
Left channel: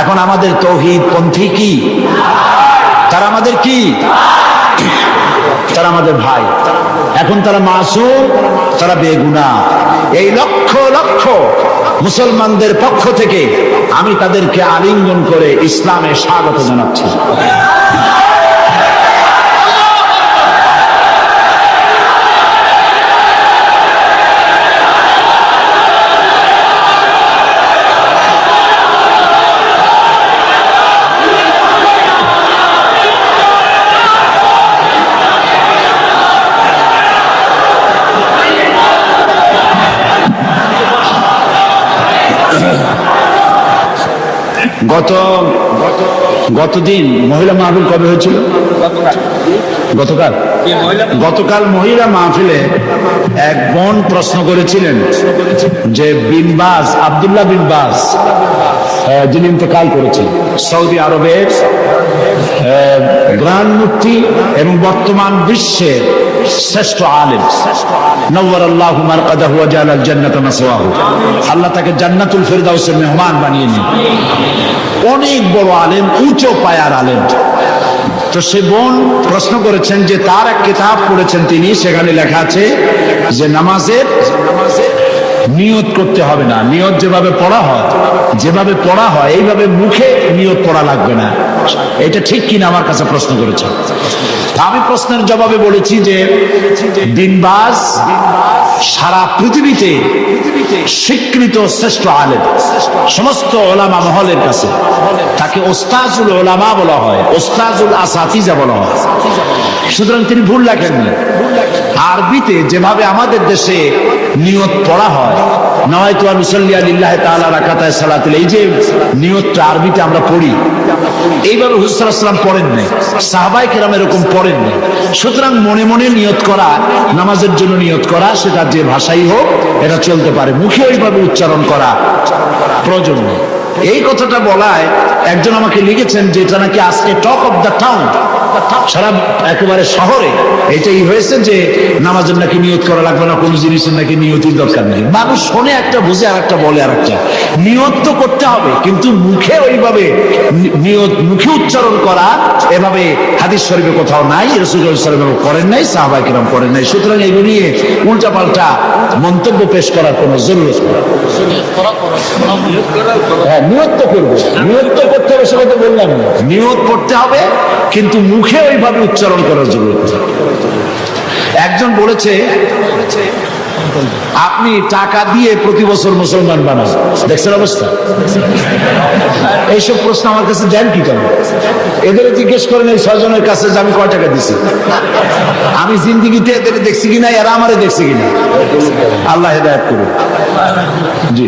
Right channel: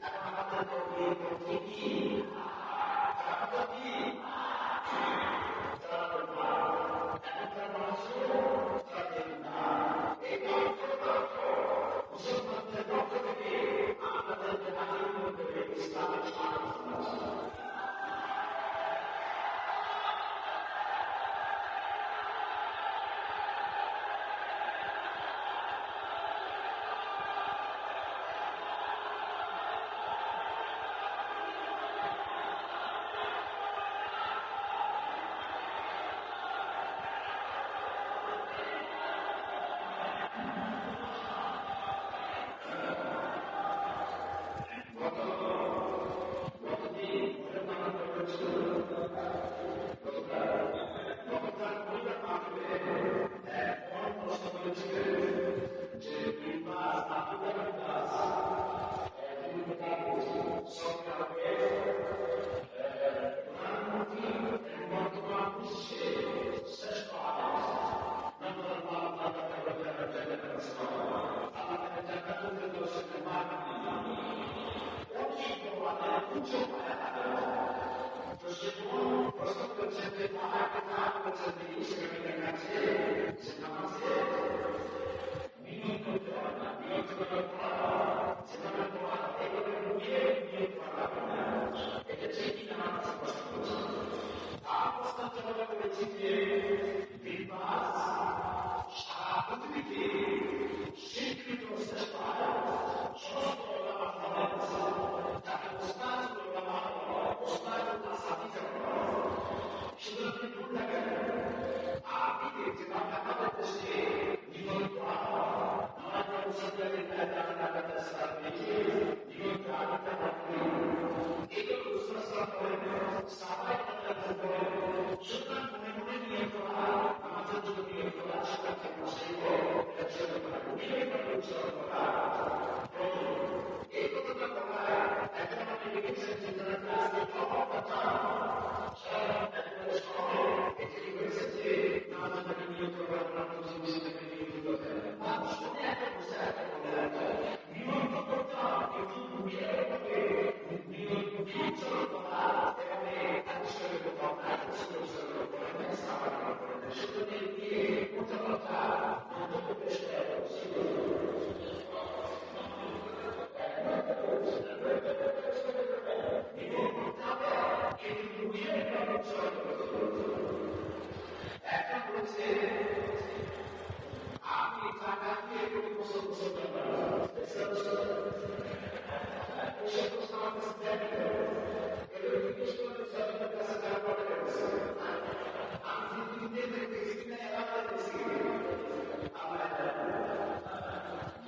এখন আমাদের তাওহীদ পন্থী কি? তারা আমাদের কি? তারা আমাদের ভাই। এখন তারা মাসুম, তারা বেগুনাহ। এই লক্ষ লক্ষ মুসলমানদের পক্ষ থেকে আমি তাদেরকে আলিঙ্গন করে ইসলামে স্বাগত জানাচ্ছি। গতদিন মহিলা মাহফিল কবে হয়েছিল? গতকাল মহিলা মাহফিলে এক বোন প্রশ্ন করেছিলেন যে বিনবাজ, আব্দুল্লাহ বিনবাজ, যিনি ইন্তেকাল করেছেন, সৌদি আরবের গ্রান্ড মুফতি এবং বর্তমান বিশ্বের শ্রেষ্ঠ আলেম, নওয়ারাল্লাহু মারকাদাহু ওয়া জাআলাল জান্নাতা মাসওয়াহু। আল্লাহ তাকে জান্নাতুল ফিরদাউসের মেহমান বানিয়ে নিন। অনেক বড় আলেম, উঁচু পায়ার আলেম। তো সে বোন প্রশ্ন করেছেন যে তার এক কিতাব পড়েছেন তিনি, সেখানে লেখা আছে যে নামাজের নিয়ত করতে হবে না, নিয়ত যেভাবে পড়া হয় এইভাবে মুখে নিয়ত পড়া লাগবে না। এটা ঠিক কিনা আমার কাছে প্রশ্ন করেছেন। আমি প্রশ্নের জবাবে বলেছি যে বিনবাজ সারা পৃথিবীতে স্বীকৃত শ্রেষ্ঠ আলেম, সমস্ত ওলামা মহলের কাছে তাকে ওস্তাজুল ওলামা বলা হয়, ওস্তাজুল আসাতিজা বলা হয়। সুতরাং তিনি ভুল লেখেননি। আরবিতে যেভাবে আমাদের দেশে নিয়ত পড়া হয়, নাওয়াইতু আন উসাল্লি লিল্লাহি তাআলা রাকাতায় সালাতুল, এই যে নিয়তটা আরবিতে আমরা পড়ি, এইভাবে হুজুর সাল্লাল্লাহু আলাইহি ওয়াসাল্লাম পড়েন নাই, সাহাবায়ে কেরাম এরকম পড়েন নাই। সুতরাং মনে মনে নিয়ত করা, নামাজের জন্য নিয়ত করা, সেটা যে ভাষাই হোক এটা চলতে পারে, মুখে ওইভাবে উচ্চারণ করা প্রয়োজন নেই। এই কথাটা বলায় একজন আমাকে লিখেছেন যে এটা নাকি আজকে টক অফ দ্য টাউন, সারা একেবারে শহরে এটাই হয়েছে যে নামাজের নাকি নিয়ত করা লাগবে না, কোনো জিনিসের নাকি নিয়তির দরকার নেই। মানুষ শোনে একটা, বুঝে আর একটা, বলে আর একটা। নিয়ত তো করতে হবে, কিন্তু মুখে ওইভাবে নিয়ত, মুখে উচ্চারণ করা এভাবে হাদিস শরীফে কোথাও নাই, রাসূলুল্লাহ সাল্লাল্লাহু আলাইহি ওয়াসাল্লাম করেন নাই, সাহাবায়ে কেরাম করেন নাই। সুতরাং এগুলো নিয়ে উল্টাপাল্টা মন্তব্য পেশ করার কোনো জরুরত নেই। হ্যাঁ, নিয়ত তো করবো, নিয়ত তো করতে হবে, সেটা তো বললাম। নিয়ত করতে হবে, কিন্তু মুখে ওইভাবে উচ্চারণ করার জরুরত নেই। একজন বলেছে আপনি টাকা দিয়ে প্রতি বছর মুসলমান বানান, দেখছেন অবস্থা? এইসব প্রশ্ন আমার কাছে দেন কি কেন? এদের জিজ্ঞেস করেন এই 6 জনের কাছে যে আমি কয় টাকা দিছি, আমি জিন্দিগিতে এদের দেখছি কিনা, এরা আমারে দেখছে কিনা। আল্লাহ হেদায়েত করুন। জি,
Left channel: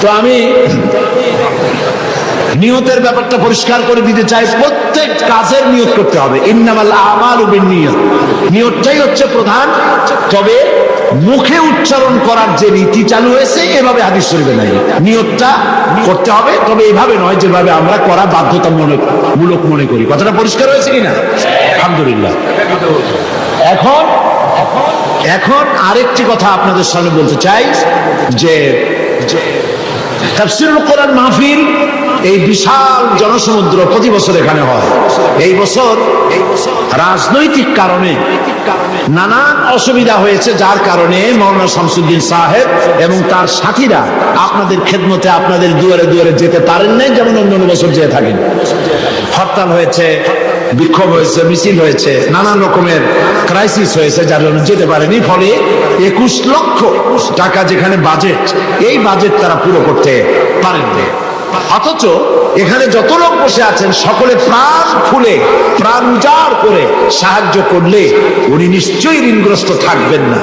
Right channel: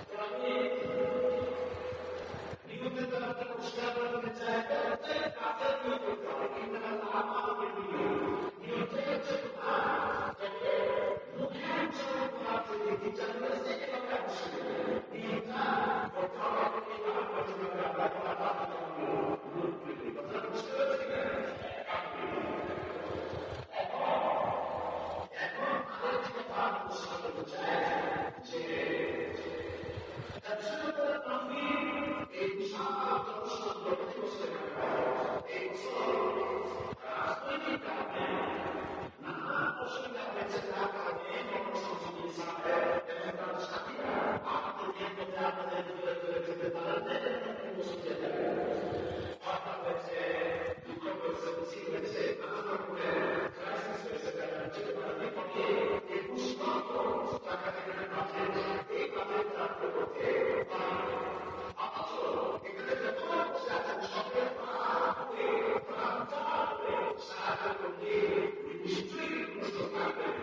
তো আমি নিয়তের ব্যাপারটা পরিষ্কার করে দিতে চাই, প্রত্যেক কাজের নিয়ত করতে হবে। ইন্নামাল আমালু বিন্নিয়াত, নিয়তটাই হচ্ছে প্রধান। তবে মুখে উচ্চারণ করার যে রীতি চালু হয়েছে এভাবে হাদিস শরীফে নাই। নিয়তটা করতে হবে, তবে এভাবে নয় যেভাবে আমরা করা বাধ্যতামূলক মনে করি। কথাটা পরিষ্কার হয়েছে কিনা? আলহামদুলিল্লাহ। এখন আরেকটি কথা আপনাদের সামনে বলতে চাই যে তাফসীরুল কোরআন মাহফিল এই বিশাল জনসমুদ্র প্রতি বছর এখানে হয়। এই বছর রাজনৈতিক কারণে নানান অসুবিধা হয়েছে, যার কারণে মাওলানা শামসুদ্দিন সাহেব এবং তার সাথীরা আপনাদের খেদমতে আপনাদের দুয়ারে দুয়ারে যেতে পারেন নাই, যেমন অন্য বছর যেয়ে থাকেন। হরতাল হয়েছে, বিক্ষোভ হয়েছে, মিছিল হয়েছে, নানান রকমের ক্রাইসিস হয়েছে, যার জন্য যেতে পারেনি। ফলে 21 লক্ষ টাকা যেখানে বাজেট, এই বাজেট তারা পুরো করতে পারেননি। অথচ এখানে যত লোক বসে আছেন সকলে প্রাণ খুলে প্রাণ উজাড় করে সাহায্য করলে উনি নিশ্চয়ই ঋণগ্রস্ত থাকবেন না।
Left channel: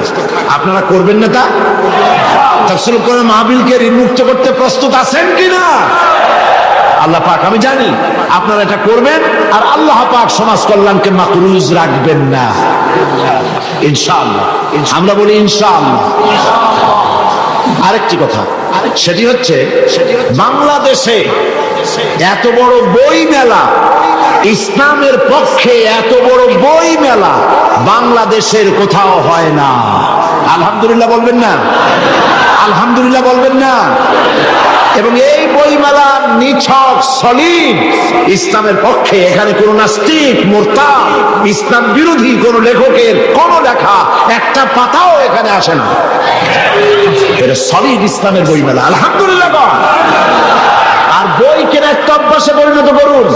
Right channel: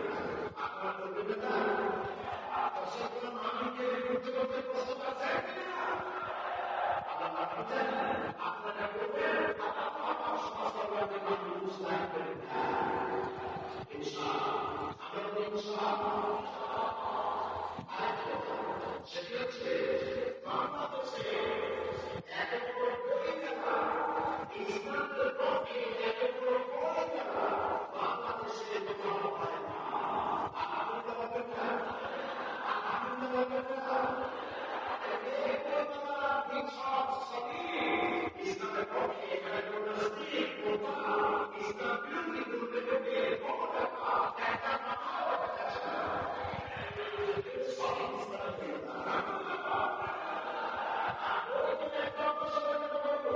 আপনারা করবেন না তা? তাফসীরুল কোরআন মাহফিলকে ঋণমুক্ত করতে প্রস্তুত আছেন কিনা? আল্লাহ পাক, আমি জানি আপনারা এটা করবেন, আর আল্লাহ পাক সমাজ কল্যাণকে মাকরুজ রাখবেন না ইনশাআল্লাহ। আমরা বলি ইনশাআল্লাহ। আরেকটি কথা, সেটি হচ্ছে বাংলাদেশে এত বড় বই মেলা, ইসলামের পক্ষে এত বড় বই মেলা বাংলাদেশের কোথাও হয় না। আলহামদুলিল্লাহ বলবেন না? আলহামদুলিল্লাহ বলবেন না? এবং এই বইমেলা নিছক সলিড ইসলামের পক্ষে, এখানে কোন নাস্তিক মুরতাদ ইসলাম বিরোধী কোন লেখকের কোন লেখা একটা পাতাও এখানে আসে না। এটা সলিড ইসলামের বইমেলা। আলহামদুলিল্লাহ। আর বই কেনা একটা অভ্যাসে পরিণত করুন।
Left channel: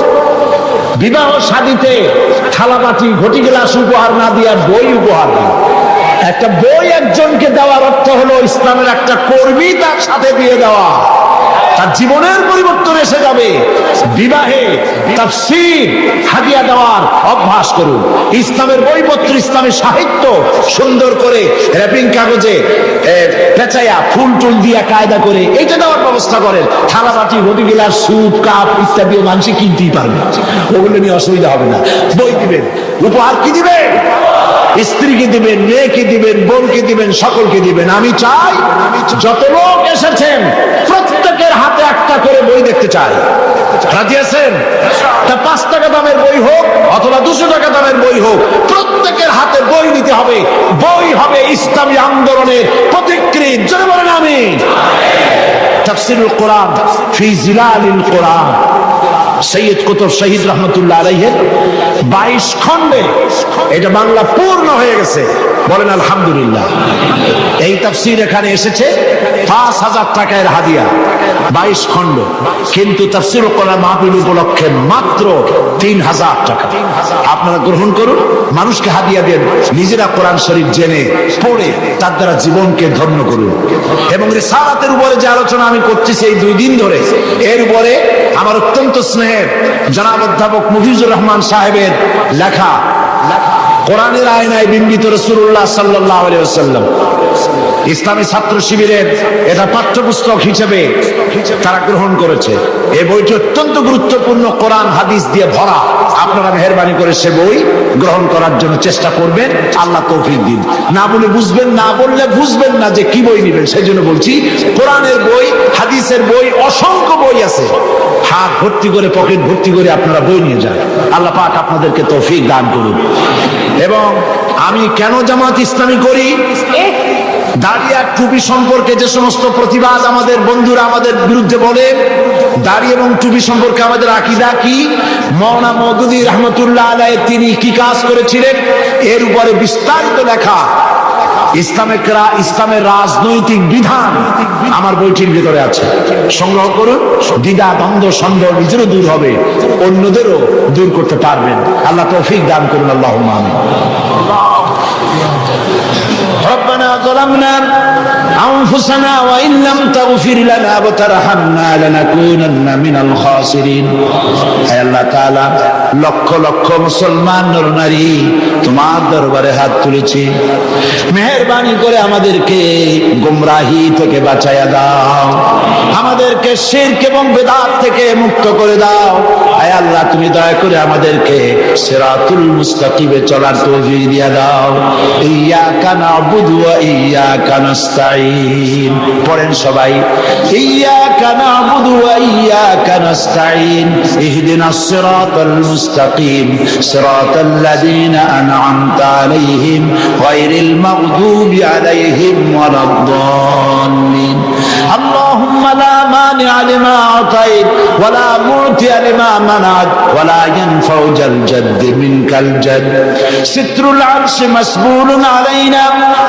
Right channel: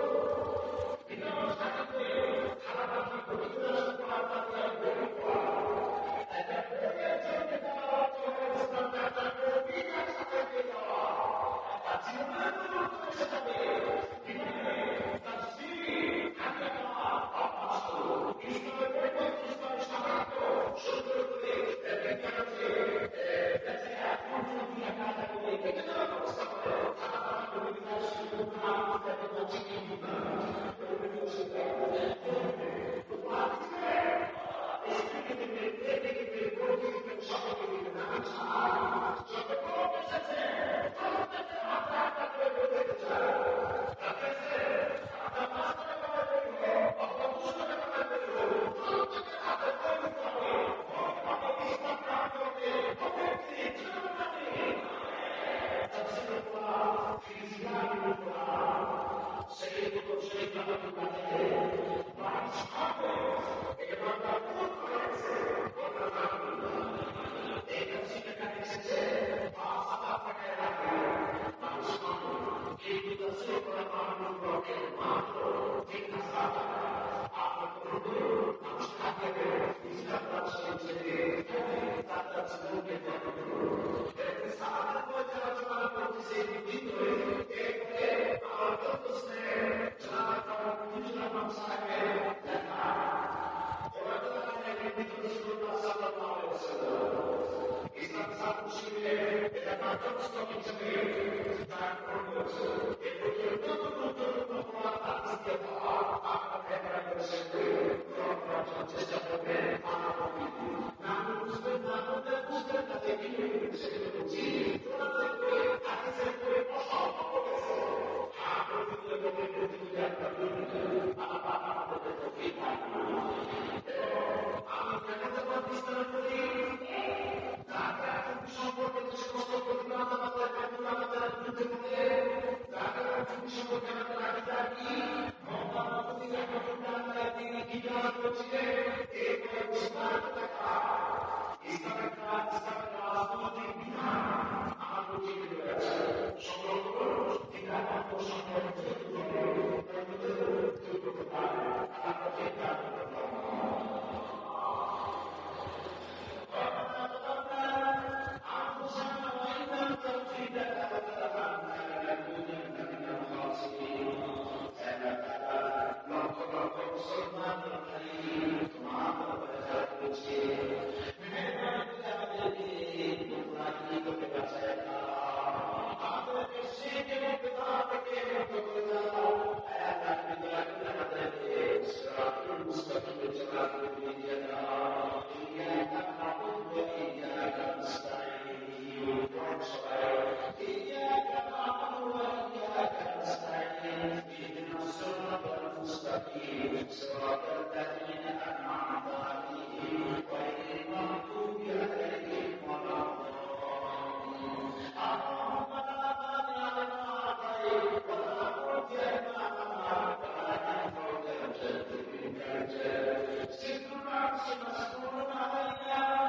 বিবাহ শাদীতে থালাবাটি ঘটি গ্লাস উপহার না দিয়া বই উপহার দিন। একটা বই একজনকে দেওয়ার অর্থ হলো ইসলামের একটা কর্মী তার সাথে দিয়ে দেওয়া, তার জীবনের পরিবর্তন এসে যাবে। বিবাহে তাফসীর হাদিয়া দেওয়ার অভ্যাস করুন। ইসলামের বইপত্র, ইসলামের সাহিত্য সুন্দর করে র্যাপিং কাগজে পেঁচাইয়া ফুল টুল দিয়া কায়দা করে এইটা দেওয়ার ব্যবস্থা করেন। থালাবাটি ঘটি গিলাস স্যুপ কাপ ইত্যাদিও মানুষ কিনতেই পারবে, ওগুলো নিয়ে অসুবিধা হবে না। বই দিবেন, উপহার কি দিবেন? স্ত্রীকে দিবেন, মেয়েকে দিবেন, বোনকে দিবেন, সকলকে দিবেন। আমি চাই যত লোক এসেছেন প্রত্যেকের হাতে একটা করে বই দেখতে চাই। রাজি আছেন? তা 5 টাকা দামের বই হোক অথবা 200 টাকা দামের বই হোক, প্রত্যেকের হাতে বই নিতে হবে। বই হবে ইসলামী আন্দোলনের পথিকৃৎ। জোরে বলেন আমিন। তাফসীরুল কোরআন ফি জিলালিল কোরআন, সৈয়দ কুতুব শহীদ রহমতুল্লাহ আলাইহির 22 খণ্ডে এটা বাংলা পূর্ণ হয়ে গেছে। বলেন আলহামদুলিল্লাহ। এই তাফসীর এখানে এসেছে 5000 টাকার হাদিয়া, 22 খণ্ড। কিন্তু তাফসীরুল কোরআন মাহফিল উপলক্ষে মাত্র 3000 টাকা। আপনারা গ্রহণ করুন, মানুষকে হাদিয়া দেন, নিজেরা কোরআন শরীফ জেনে পড়ে তার দ্বারা জীবনকে ধন্য করুন। এবং রিসালাতের উপরে যে আলোচনা আমি করতেছি এই 2 দিন ধরে, এর উপরে আমার অত্যন্ত স্নেহের জনাব অধ্যাপক মুফিজুর রহমান সাহেবের লেখা কোরআনের আয়নায় বিম্বিত রাসূলুল্লাহ সাল্লাল্লাহু আলাইহি ওয়াসাল্লাম, ইসলামী ছাত্র শিবিরের এটা পাঠ্যপুস্তক হিসেবে তারা গ্রহণ করেছে। এই বইটি অত্যন্ত গুরুত্বপূর্ণ, কোরআন হাদিস দিয়ে ভরা। আপনারা মেহেরবানি করে সে বই গ্রহণ করার জন্য চেষ্টা করবেন। আল্লাহ তৌফিক দিন। না বলে বুঝবেন, না বললে বুঝবেন না যে কি বই নেবেন। সেই জন্য বলছি, কোরআনের বই, হাদিসের বই, অসংখ্য বই আছে। হাত ভর্তি করে, পকেট ভর্তি করে আপনারা বই নিয়ে যান। আল্লাহ পাক আপনাদেরকে তৌফিক দান করুন। এবং আমি কেন জামাত ইসলামী করি, দাড়ি আর টুপি সম্পর্কে যে সমস্ত প্রতিবাদ আমাদের বন্ধুরা আমাদের বিরুদ্ধে বলে, দাড়ি এবং টুপি সম্পর্কে আমাদের আকীদা কি, মাওলানা মওদুদী রহমতুল্লাহ আলাইহি তিনি কি কাজ করেছিলেন, এর উপরে বিস্তারিত লেখা ইসলামের রাজনৈতিক বিধান আমার বইটির ভিতরে আছে। সংগ্রহ করুন। দ্বিধা দ্বন্দ্ব সন্দেহ নিজেরও দূর হবে, অন্যদেরও দূর করতে পারবেন। আল্লাহ তৌফিক দান করুন। আল্লাহুম্মা আমিন। রব্বানা যালামনা أنفسنا وإن لم تغفر لنا وترحمنا لنكونن من الخاسرين হে আল্লাহ তাআলা লক্ষ লক্ষ মুসলমান নর নারী তোমার দরবারে হাত তুলেছি মেহেরবানি করে আমাদেরকে গোমরাহি থেকে বাঁচায়া দাও আমাদেরকে শিরক এবং বিদআত থেকে মুক্ত করে দাও হে আল্লাহ তুমি দয়া করে আমাদেরকে সিরাতুল মুস্তাকিমে চলার তৌফিক দিয়ে দাও ইয়্যাকা না'বুদু ওয়া ইয়্যাকা নাস্তাঈন পড়েন সবাই ইয়্যাকা না'বুদু ওয়া ইয়্যাকা নাস্তাঈন ইহদিনাস সিরাতাল মুস্তাকিম সিরাতাল লাযীনা আন'আমতা আলাইহিম গায়রিল মাগদুবি আলাইহিম ওয়ালাদ-দাল্লিন اللهم لا مانع لما أعطيت ولا معطي لما منعت ولا ينفع ذا الجد منك الجد ستر العرش مسبول علينا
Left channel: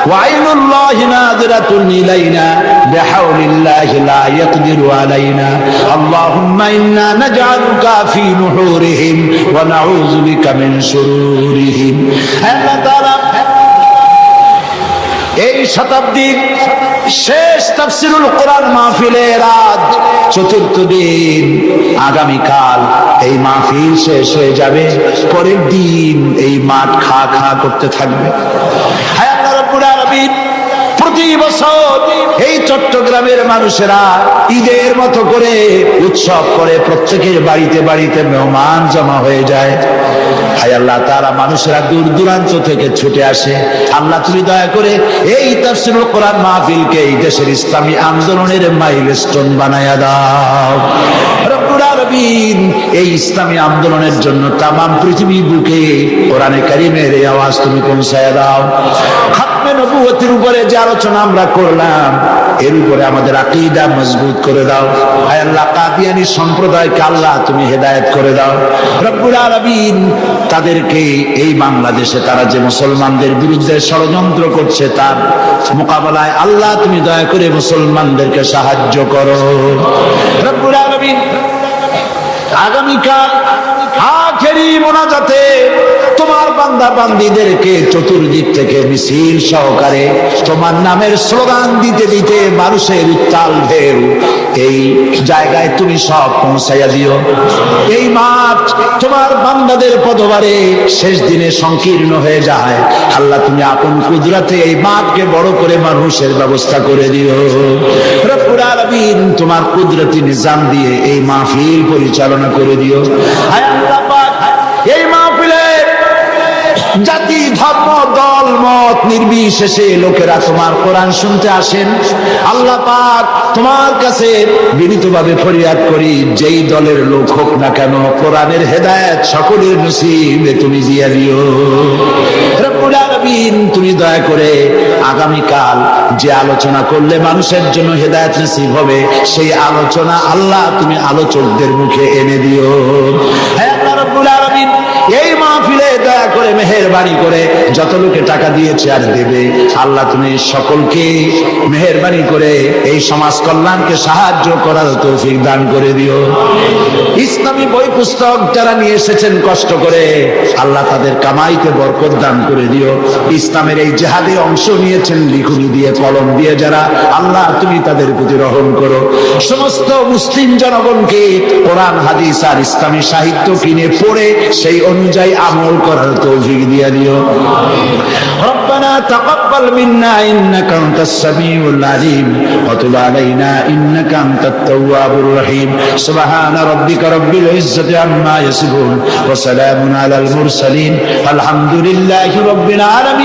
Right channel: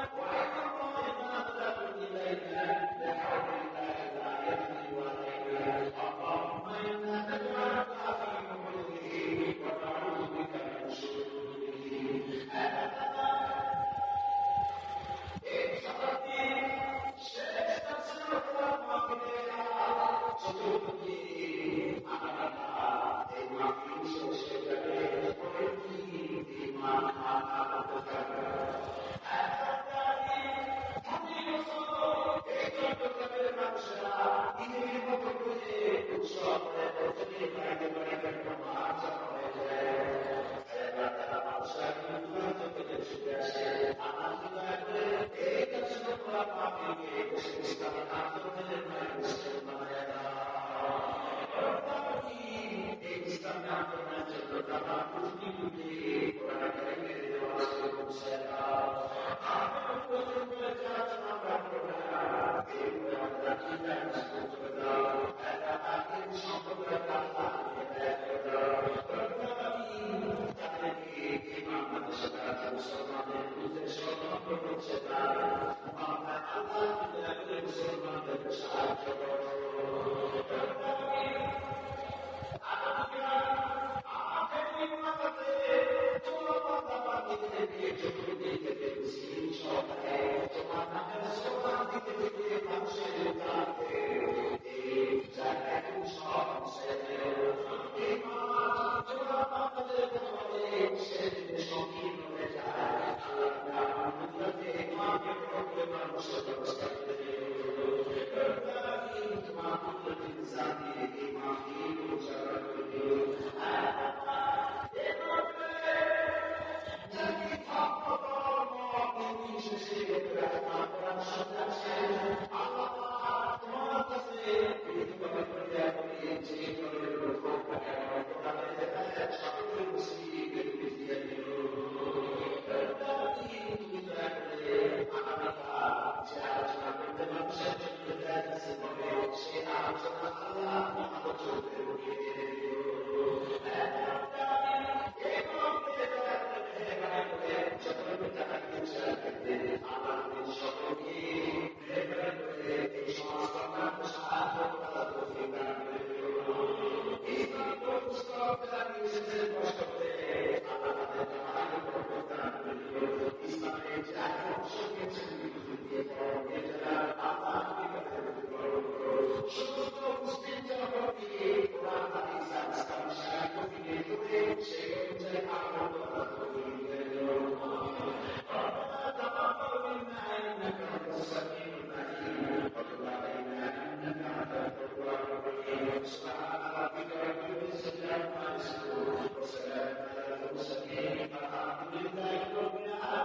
وعين الله ناظرة إلينا بحول الله لا يقدر علينا اللهم إنا نجعلك في نحورهم ونعوذ بك من شرورهم الله تعالى এই শতাব্দীর শেষ তাফসীরুল কোরআন মাহফিলের আজ চতুর্থ দিন আগামীকাল এই মাহফিল শেষ হয়ে যাবে পরের দিন এই মাঠ খা খা করতে থাকবে হে আল্লাহ রাব্বুল আলামিন প্রতি বছর এই চট্টগ্রামের মানুষেরা ঈদের মতো করে উৎসব করে প্রত্যেকের বাড়িতে বাড়িতে মেহমান জমা হয়ে যায় হায় আল্লাহ তাআলা মানুষেরা দূর দূরান্ত থেকে ছুটে আসে আল্লাহ তুমি দয়া করে এই তাফসীরুল কোরআন মাহফিলকে এই দেশের ইসলামী আন্দোলনের মাইলস্টোন বানায়া দাও রব্বুল আলামিন এই ইসলামী আন্দোলনের জন্য তামাম পৃথিবী বুকে কোরআনে কারীমের এই আওয়াজ তুমি পৌঁছায়া দাও খাতমে নবুয়তের উপরে যে আলোচনা আমরা করলাম এর উপরে আমাদের আকীদা মজবুত করে দাও হায় আল্লাহ কাদিয়ানী সম্প্রদায়কে আল্লাহ তুমি হেদায়েত করে দাও রব্বুল আলামিন তাদেরকে এই বাংলাদেশে তারা যে মুসলমানদের বিরুদ্ধে ষড়যন্ত্র করছে তার মোকাবেলায় আল্লাহ তুমি দয়া করে মুসলমানদেরকে সাহায্য করো রব্বুল আলামিন আগামীকাল আখেরি মোনাজাতে তোমার বান্দা বান্দীদেরকে চতুর্দিক থেকে মিছিল সহকারে তোমার নামের স্লোগান দিতে দিতে মানুষের উত্তাল ঢেউ এই জায়গায় তুমি সব পৌঁছাইয়া দিও এই মাঠ তোমার বান্দাদের পদবারে শেষ দিনে সংকীর্ণ হয়ে যায় আল্লাহ তুমি আপন কুদরতে এই মাঠকে বড় করে মানুষের ব্যবস্থা করে দিও রব্বুল আলামিন তোমার কুদরতি নিজাম দিয়ে এই মাহফিল পরিচালনা করে দিও হায় আল্লাহ পাক এই মাহফিলে জাতি ধর্ম দল মত নির্বিশেষে লোকেরা তোমার কোরআন শুনতে আসেন আল্লাহ পাক তোমার কাছে বিনীতভাবে ফরিয়াদ করি যেই দলের লোক হোক না কেন কোরআনের হেদায়েত সকলের নসিবে তুমি দিয়ে দিও রব্বুল আলামিন তুমি দয়া করে আগামীকাল যে আলোচনা করলে মানুষের জন্য হেদায়েত নসিব হবে সেই আলোচনা আল্লাহ তুমি আলোচকদের মুখে এনে দিও হে আল্লাহ রব্বুল আলামিন এই মাহফিলে দয়া করে মেহেরবানি করে যত লোকে টাকা দিয়েছে আর দেবে আল্লাহ তুমি সকলকে মেহেরবানি করে এই সমাজ কল্যাণকে সাহায্য করার তৌফিক দান করে দিও ইসলামী বই পুস্তক যারা নিয়ে এসেছেন কষ্ট করে আল্লাহ তাদের কামাইতে বরকত দান করে দিও ইসলামের এই জিহাদে অংশ নিয়েছেন লিখনি দিয়ে কলম দিয়ে যারা আল্লাহ তুমি তাদের প্রতি রহম করো সমস্ত মুসলিম জনগণকে কোরআন হাদিস আর ইসলামী সাহিত্য কিনে পড়ে সেই অনুযায়ী আমল করার তৌফিক দিয়ে দিও ربنا تقبل منا إنك أنت السميع العليم وتب علينا إنك أنت التواب الرحيم سبحان ربك رب العزة عما يصفون وسلام على المرسلين الحمد لله رب العالمين